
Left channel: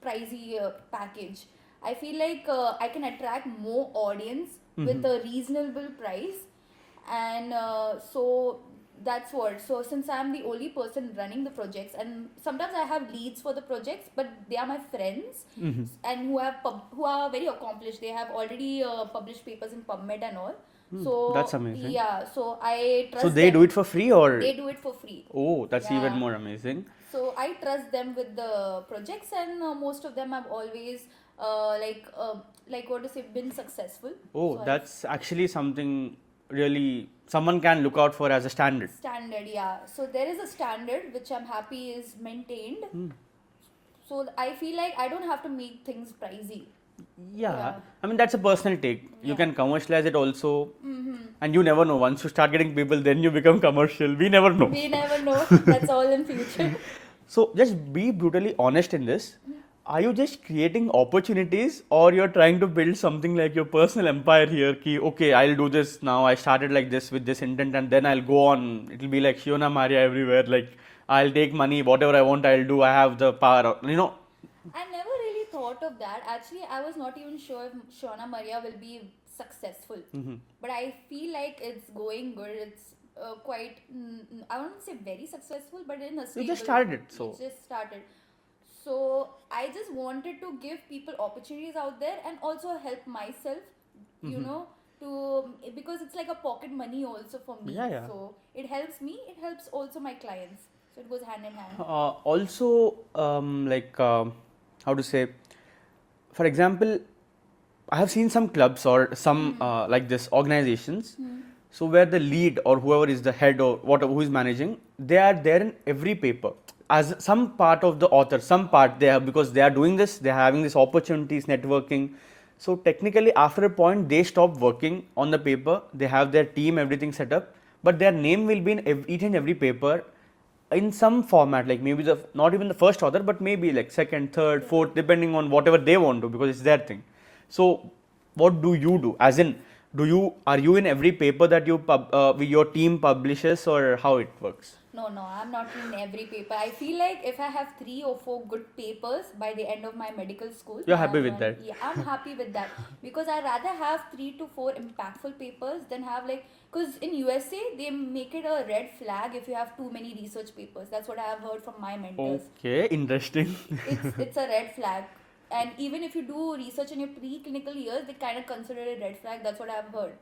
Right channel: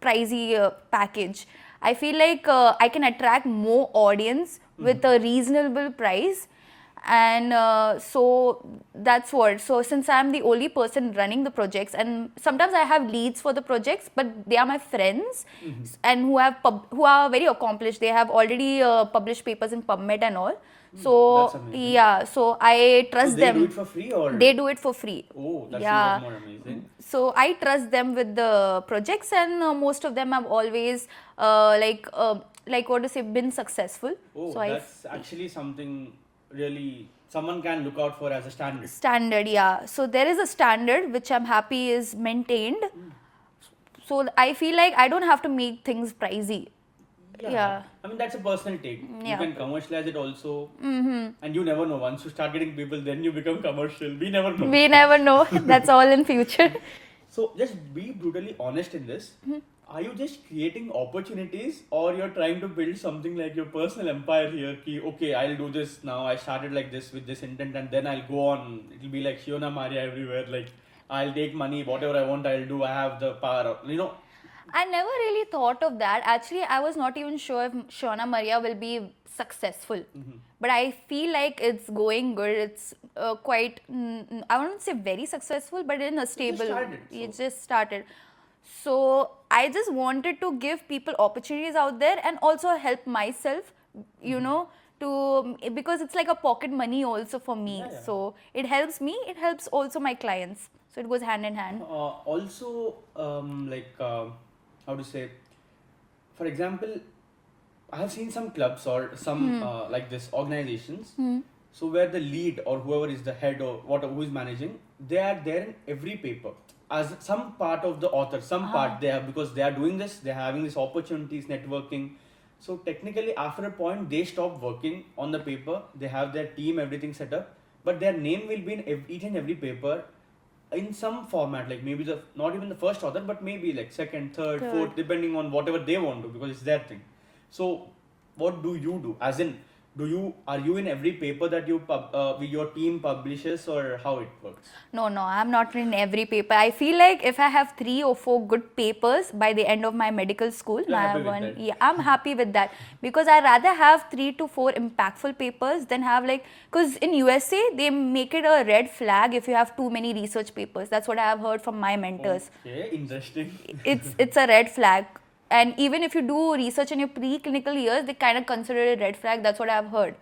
pricey package. I feel like I can attract more audience with a reasonable price, And so that's what. So since I'm the only person running the projects, and sometimes I have leads for the projects, but they are my friends, and who are very accomplished. They have already published papers in PubMed and all. That's So amazing. yeah, so I So trust they them. do it for free, or They do it for free. oh, that's Yeah. even more amazing. So I trust them with the projects, and most of them have always like what to say, been successful. Oh, So that's actually something really someone can look out for as a standard. standard, yeah. So there is a standard which I'm happy is maintained. So I feel like I don't have to make things pricey. Yeah. I mean, that's a personal take. You Yeah. can commercialize it also. And you never know. Once you start getting people, then you become commercial. We never know. We never know. That's all in future. So just be brutally honest in this. Are you just creating opportunities, or you're trying to build something like your personal empire here? Ki, okay, I'll do this now. I started like this with this intent, and then I'll go on. It'll be like Shiona Maria everywhere. Like, I'll take money, whatever I want, I'll do. I have the power. You know, I never really thought of that. Actually, I was not even sure if Shiona Maria will be successful. But I feel like it's going good. It's quite, I wouldn't say very successful, but in a stable. started, It so. just started. So I just wanted to give people opportunities out there and also help myself, you know, to because it's like a pocket money also for me. Yeah, yeah. So it helps me, it helps also my clients. So it goes hand in hand. also, how to say, for example, I have seen some clubs or some like this organizations. So where the lead or whoever is the head or whatever who is managing, they are there in every paper as some part of the author. Some part they have because they are doing this. They are having these opportunities, networking. So technically, after a point, they stop working on the paper. They have their team, everything set up, but their name will be in each and every paper in some format, like maybe the not even the first author, but maybe like second, third, fourth, depending on whatever they want to, because it's their thing. So what do you do, as in, are you in every paper that your team publishes, or how it works? No, I'm not in every paper. I feel like if I have 3 or 4 good papers by the end of my medical school, You're happy with that? Yeah, I'm happy with that, because I rather have 3 to 4 impactful papers than have because in USA they make it a red flag if you have too many research papers. That's what I have heard from my mentors. Okay, interesting. It's a red flag. And even if you do research in your preclinical years, they kind of consider it a red flag. That's what I've heard.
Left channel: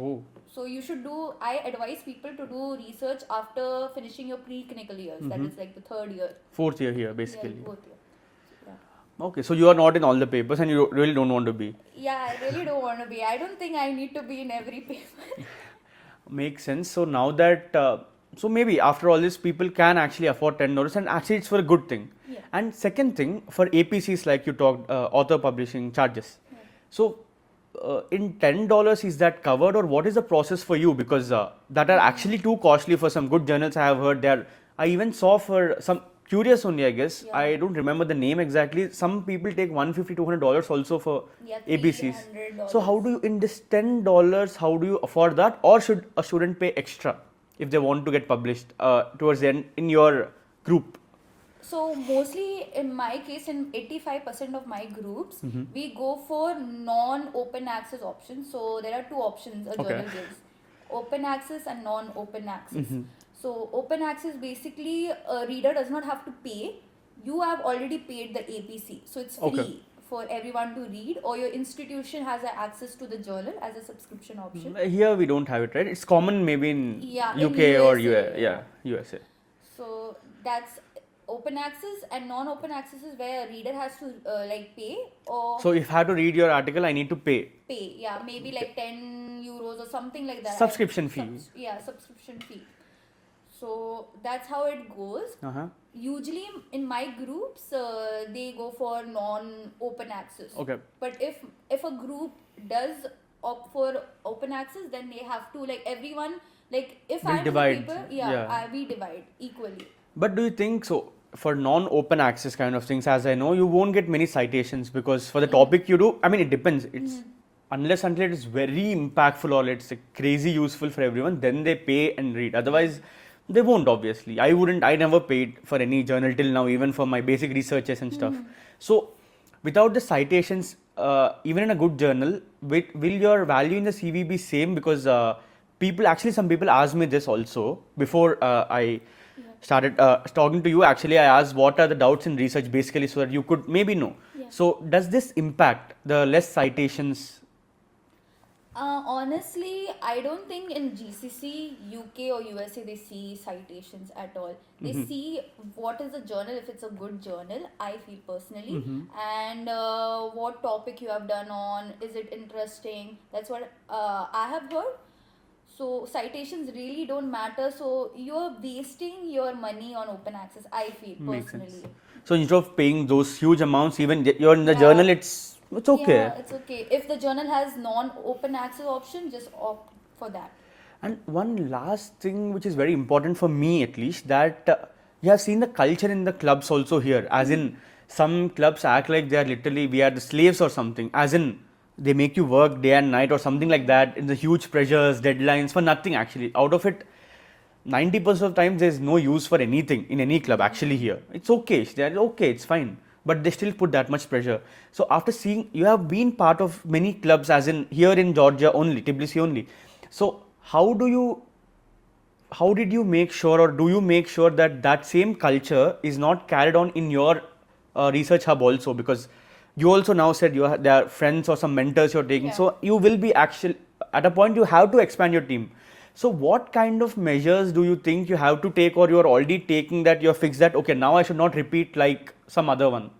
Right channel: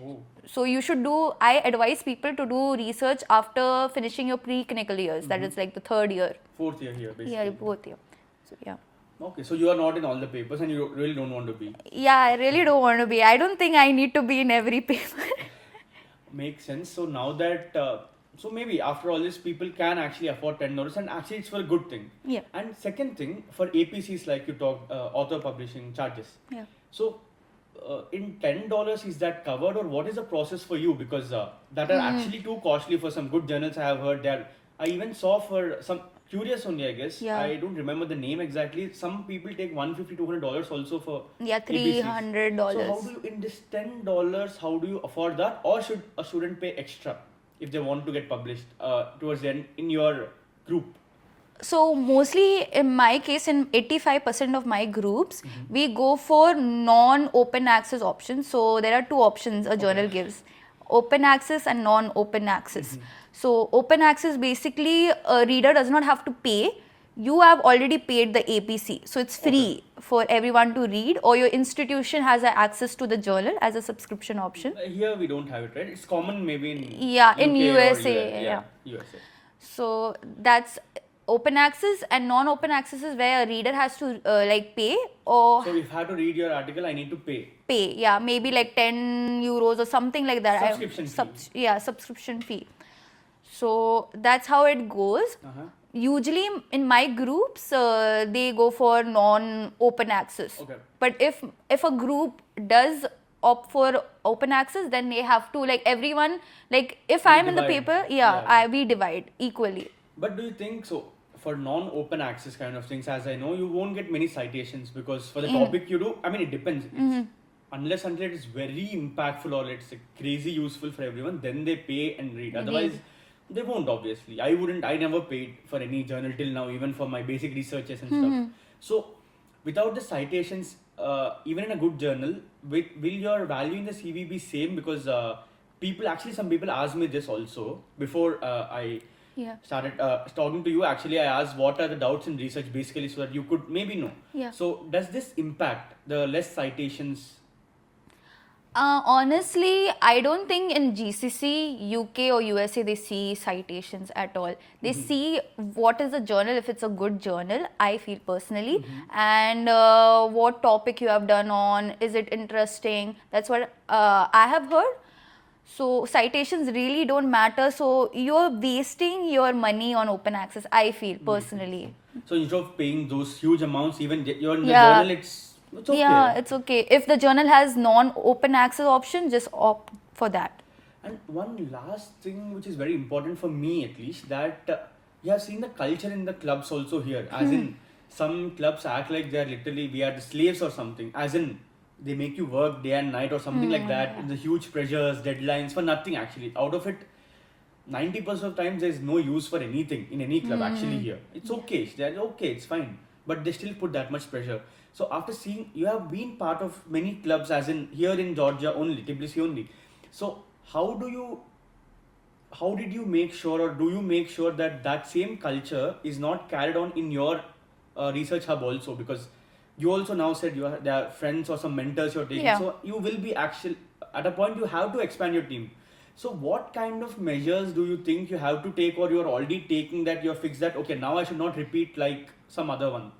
Oh. So you should I advise people to do research after finishing your preclinical years. That is like the 3rd year. 4th year here, basically. Yeah, 4th year. So, yeah. Okay, so you are not in all the papers, and you really don't want to be. Yeah, I really don't want to be. I don't think I need to be in every paper. Makes sense. So now that so maybe after all this, people can actually afford $10, and actually it's for a good thing. Yeah. And second thing, for APCs, like you talked, author publishing charges. Yeah. So in $10, is that covered, or what is the process for you? Because that are actually too costly for some good journals. I have heard there. I even saw for some curious only, I guess. Yeah. I don't remember the name exactly. Some people take $150, $200 also for Yeah, APCs. $300. So how do you, in this $10, how do you afford that, or should a student pay extra if they want to get published towards the end in your group? So mostly in my case, in 85% of my groups, we go for non-open access options. So there are 2 options a journal gives: open access and non-open access. So open access, basically a reader does not have to pay. You have already paid the APC, so it's free for everyone to read, or your institution has access to the journal as a subscription option. Here we don't have it, right? It's common maybe in in UK or USA. yeah, USA. So that's open access, and non-open access is where a reader has to pay, or So if I have to read your article, I need to pay. yeah, maybe like €10 or something like that. Subscription fee. Subscription fee. So that's how it goes. Usually in my groups, they go for non-open access. Okay. But if a group does opt for open access, then they have to, everyone, if I'm in the divide. paper, we divide equally. But do you think so? For non-open access kind of things, as I know, you won't get many citations, because for the topic you do, I mean, it depends. It's unless until it is very impactful or it's crazy useful for everyone, then they pay and read. Otherwise, they won't, obviously. I never paid for any journal till now, even for my basic researches and stuff. So without the citations, even in a good journal, will your value in the CV be same? Because some people asked me this also before I Yeah. started talking to you. Actually, I asked what are the doubts in research basically, so that you could maybe know. Yeah. So does this impact the less citations? Honestly, I don't think in GCC, UK or USA they see citations at all. They see what is the journal, if it's a good journal, I feel personally, and what topic you have done on, is it interesting? That's what I have heard. So citations really don't matter. So you're wasting your money on open access, I feel Makes sense. personally. So instead of paying those huge amounts, even you're in the Yeah. journal, it's okay. Yeah, it's okay. If the journal has non-open access option, just opt for that. And one last thing which is very important for me at least, that you have seen the culture in the clubs also here, as in some clubs act like they are literally, we are the slaves or something, as in they make you work day and night or something like that, in the huge pressures, deadlines for nothing actually. Out of it, 90% of times there's no use for anything in any club actually here. It's okay, they're okay, it's fine, but they still put that much pressure. So after seeing, you have been part of many clubs, as in here in Georgia only, Tbilisi only. So how did you make sure, or do you make sure that that same culture is not carried on in your research hub also? Because you also now said there are friends or some mentors you're taking, Yeah. so you will be actually at a point you have to expand your team. So what kind of measures do you think you have to take, or you're already taking, that you're fixed that okay, now I should not repeat like some other one?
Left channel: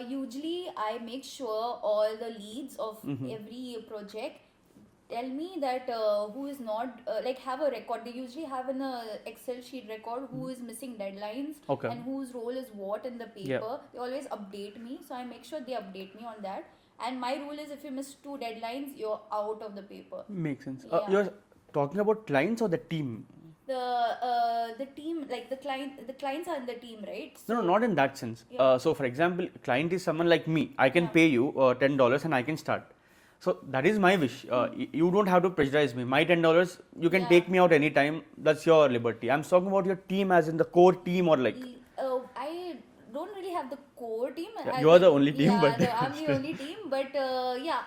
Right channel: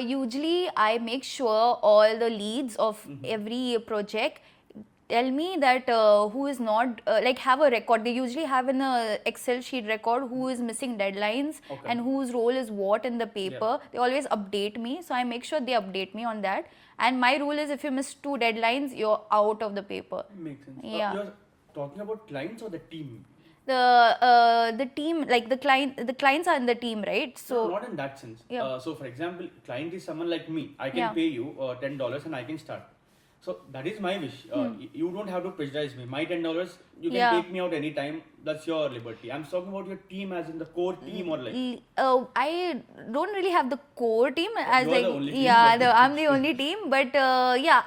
Usually, I make sure all the leads of every project tell me that who is not like have a record. They usually have in a Excel sheet record who is missing deadlines Okay. and whose role is what in the paper. They always update me, so I make sure they update me on that. And my rule is if you miss 2 deadlines, you're out of the paper. Makes sense. Yeah. You're talking about clients or the team? The team, like the clients are in the team, right? No, not in that sense. Yeah. So, for example, client is someone like me. I can Yeah. pay you $10 and I can start. So that is my wish. You don't have to pressurize me. My $10, you can Yeah. take me out anytime. That's your liberty. I'm talking about your team, as in the core team, or like. I don't really have the core team. As You're the only team, Yeah, but- I'm the only team. But yeah,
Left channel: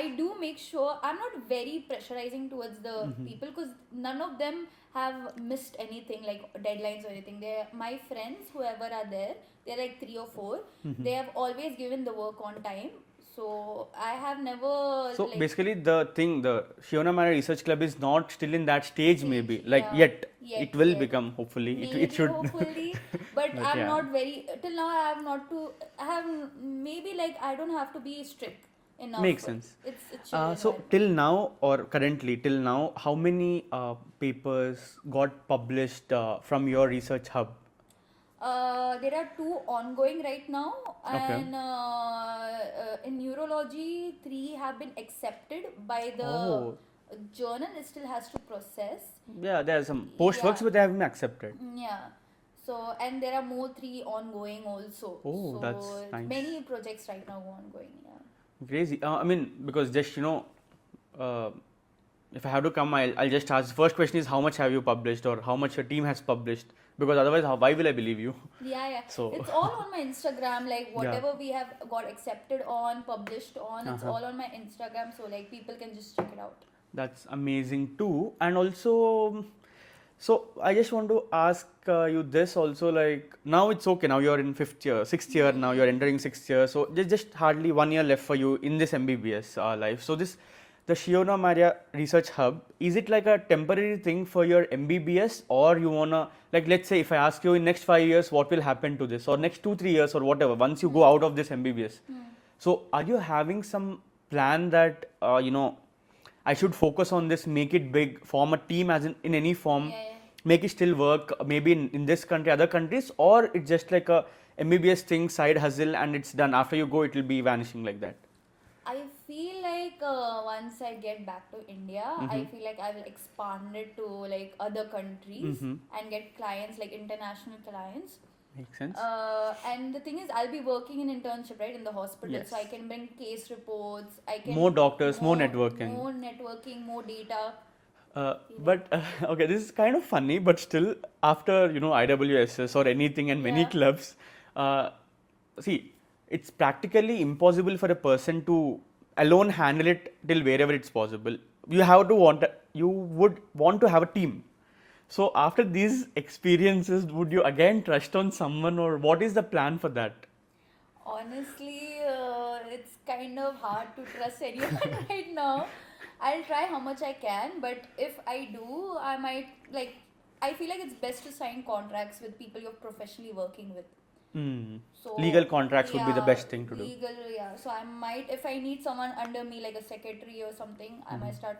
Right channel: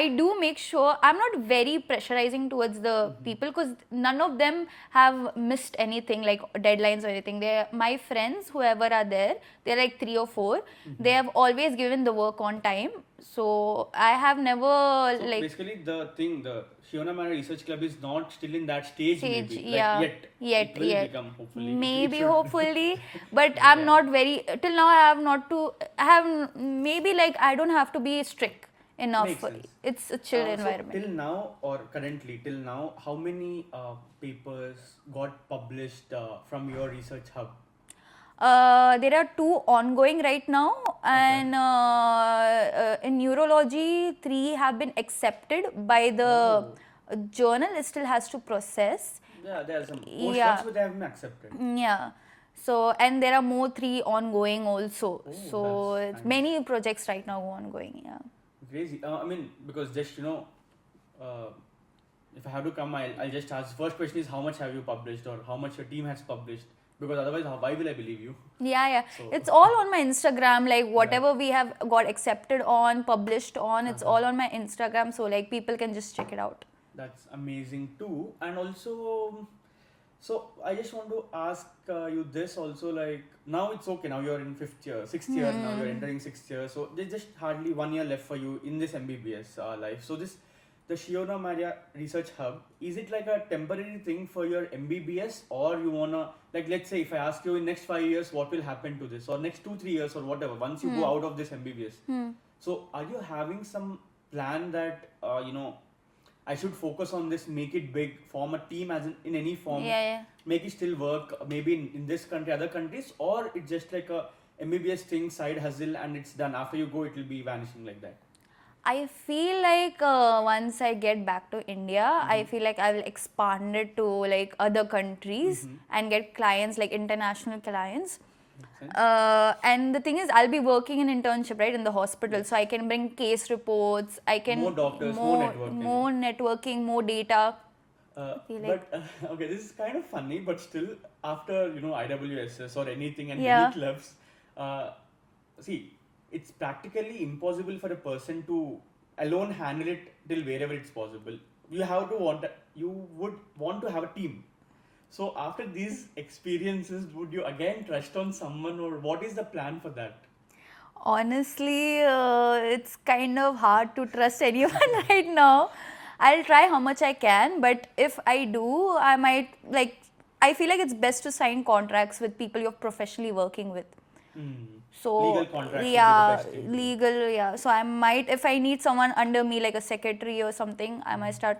I do make sure I'm not very pressurizing towards the people, because none of them have missed anything like deadlines or anything. They, my friends, whoever are there, they're like 3 or 4. They have always given the work on time. So I have never So like basically, the Shiona Mara Research Club is not still in that stage, maybe. Like yeah. yet. Yet, It will yet. become, hopefully. It Maybe, should. hopefully, but But I'm yeah. not very. Till now, I have not to. I have maybe like I don't have to be strict enough. Makes sense. It's a chill So environment. till now, or currently till now, how many papers got published from your research hub? There are 2 ongoing right now, and in neurology, 3 have been accepted by the Oh. journal. It still has to process. Yeah, there are some postworks, Yeah. but they have been accepted. Yeah. So, and there are more 3 ongoing also. Oh, so that's nice. many projects right now ongoing. Yeah. Crazy. I mean, because just if I have to come, I'll just ask. First question is, how much have you published, or how much your team has published? Because otherwise, why will I believe you? Yeah. So- It's all on my Instagram. Like whatever we have got accepted on, published on, it's all on my Instagram. So like people can just check it out. That's amazing too. And also, so I just want to ask you this also. Like now it's okay. Now you're in 6th year. Now you're entering 6th year. So there's just hardly 1 year left for you in this MBBS life. So the Shiona Maria Research Hub, is it like a temporary thing for your MBBS, or you wanna, like, let's say if I ask you in next 5 years what will happen to this, or next 2-3 years or whatever, once you go out of this MBBS, so are you having some plan that I should focus on this, make it big, form a team as in any form, Yeah. make it still work, maybe in this country, other countries, or it's just like a MBBS thing, side hustle, and it's done. After you go, it will be vanishing like that. I feel like once I get back to India, I feel like I will expand it to like other countries and get clients, like international clients. Makes sense. And the thing is, I'll be working in internship, right, in the hospital, so I can bring case reports. I can More doctors, more networking. more data. But okay, this is kind of funny, but still, after IWSS or anything and many Yeah. clubs, see, it's practically impossible for a person to alone handle it till wherever it's possible. you would want to have a team. So after these experiences, would you again trust on someone, or what is the plan for that? Honestly, it's kind of hard to trust anyone right now. I'll try how much I can, but if I do, I might like. I feel like it's best to sign contracts with people you're professionally working with. So Legal contracts would be the best thing to do. legal, yeah. So I might, if I need someone under me, like a secretary or something, I might start,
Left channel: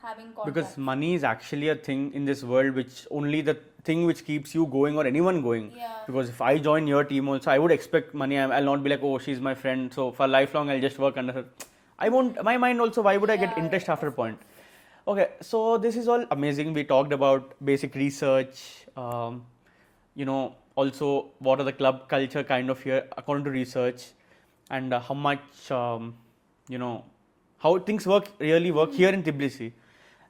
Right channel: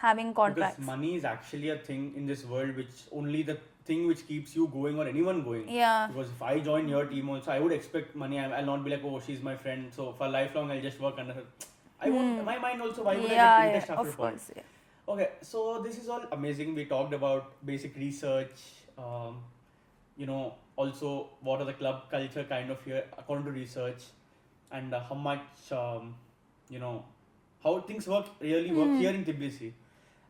having contracts. Because money is actually a thing in this world, which only the thing which keeps you going or anyone going. Yeah. Because if I join your team also, I would expect money. I'll not be like, oh, she's my friend, so for lifelong I'll just work under her. I won't. My mind also. Why would I get interest after a point? Course, yeah. Okay, so this is all amazing. We talked about basic research. Also what are the club culture kind of here according to research, and how much how things really work here in Tbilisi.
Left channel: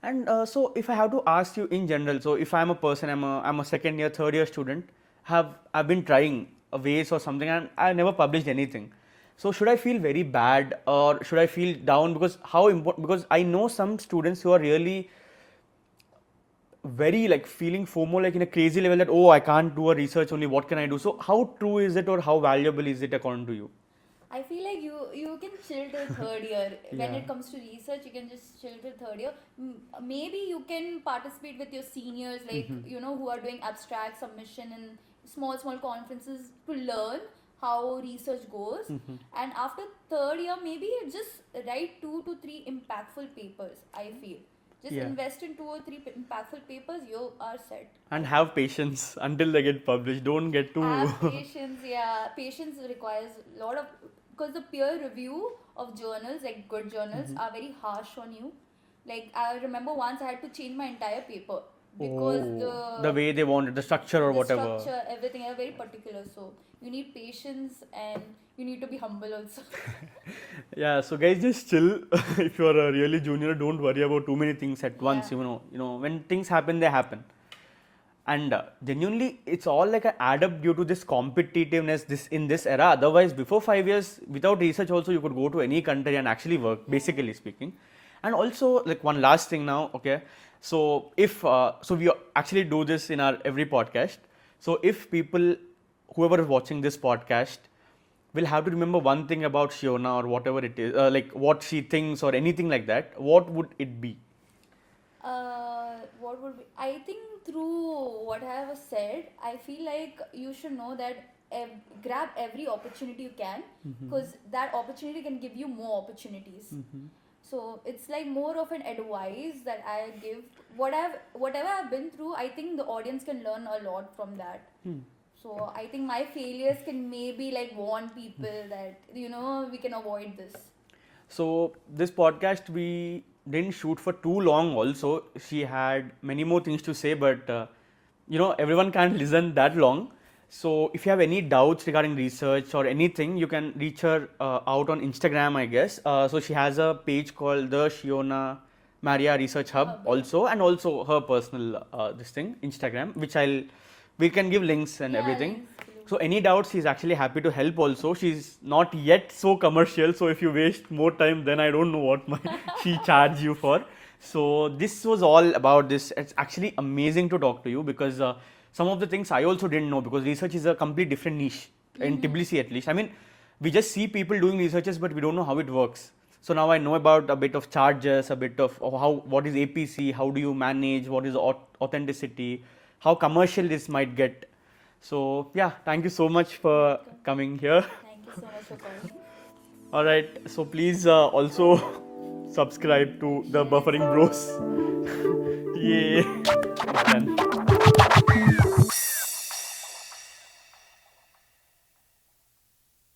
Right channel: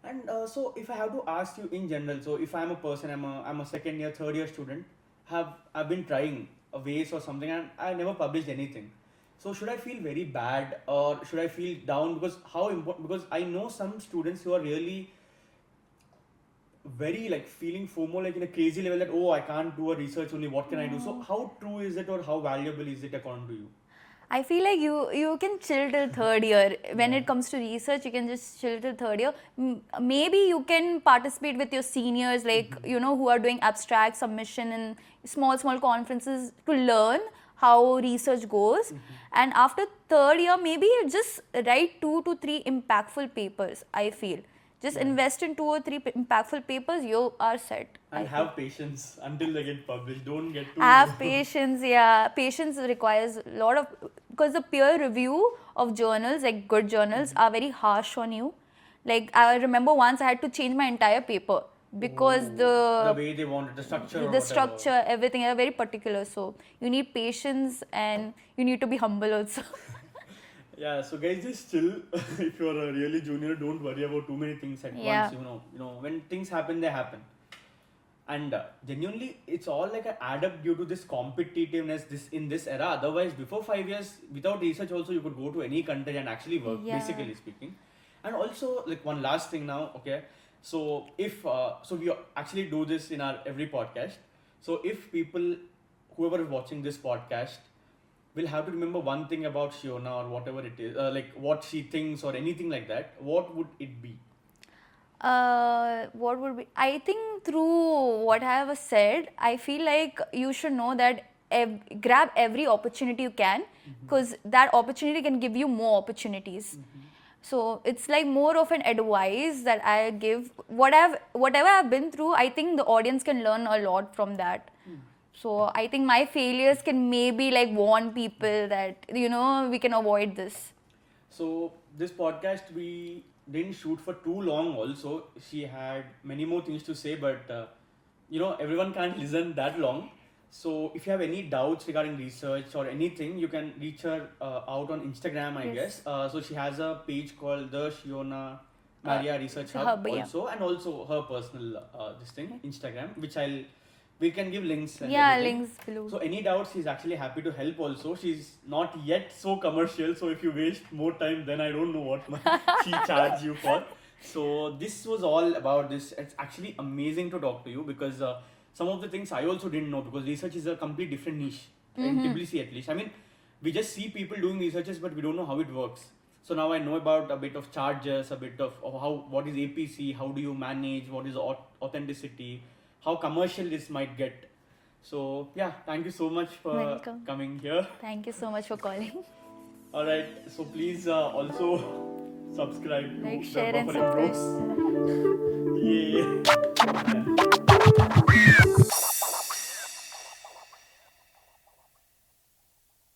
And so if I have to ask you in general, so if I'm a person, I'm a second year, third year student, I've been trying ways or something, and I never published anything. So should I feel very bad, or should I feel down? Because how important? Because I know some students who are really very like feeling FOMO like in a crazy level, that oh, I can't do a research only, what can I do? So how true is it, or how valuable is it according to you? I feel like you can chill till third year. When it comes to research, you can just chill till third year. Maybe you can participate with your seniors, like who are doing abstract submission in small conferences to learn how research goes. And after third year, maybe just write 2 to 3 impactful papers. I feel. Just invest in 2 or 3 impactful papers, you are set. And have patience until they get published. Don't get too... Have patience, yeah. Patience requires a lot of... Because the peer review of journals, like good journals, are very harsh on you. Like, I remember once I had to change my entire paper. Because the way they wanted, the structure or whatever. The structure, everything, are very particular. So, you need patience and you need to be humble also. Yeah, so guys, just chill. If you are a really junior, don't worry about too many things at once. When things happen, they happen. And genuinely, it's all like an add up due to this competitiveness in this era. Otherwise, before 5 years, without research also, you could go to any country and actually work, basically speaking. And also, like one last thing now, okay. So if so we actually do this in our every podcast. So if people, whoever is watching this podcast, will have to remember one thing about Shiona or whatever it is, like what she thinks or anything like that, what would it be? What would be? I think through what I have said, I feel like you should know that grab every opportunity you can, because that opportunity can give you more opportunities. So it's like more of an advice that I give. Whatever I've been through, I think the audience can learn a lot from that. So I think my failures can maybe like warn people that, we can avoid this. So this podcast we didn't shoot for too long also. She had many more things to say, but everyone can't listen that long. So if you have any doubts regarding research or anything, you can reach her out on Instagram, I guess. So she has a page called the Shiona Maria Research Hub also, and also her personal Instagram, which we can give links and everything. Links below. So any doubts, she's actually happy to help also. She's not yet so commercial, so if you waste more time, then I don't know what she charge you for. So this was all about this. It's actually amazing to talk to you, because some of the things I also didn't know, because research is a complete different niche in Tbilisi at least. I mean, we just see people doing researches, but we don't know how it works. So now I know about a bit of charges, a bit of what is APC, how do you manage, what is authenticity, how commercial this might get. So yeah, thank you so much for coming here. Thank you so much for calling. Alright, so please also subscribe to the Buffering Bros. Yeah.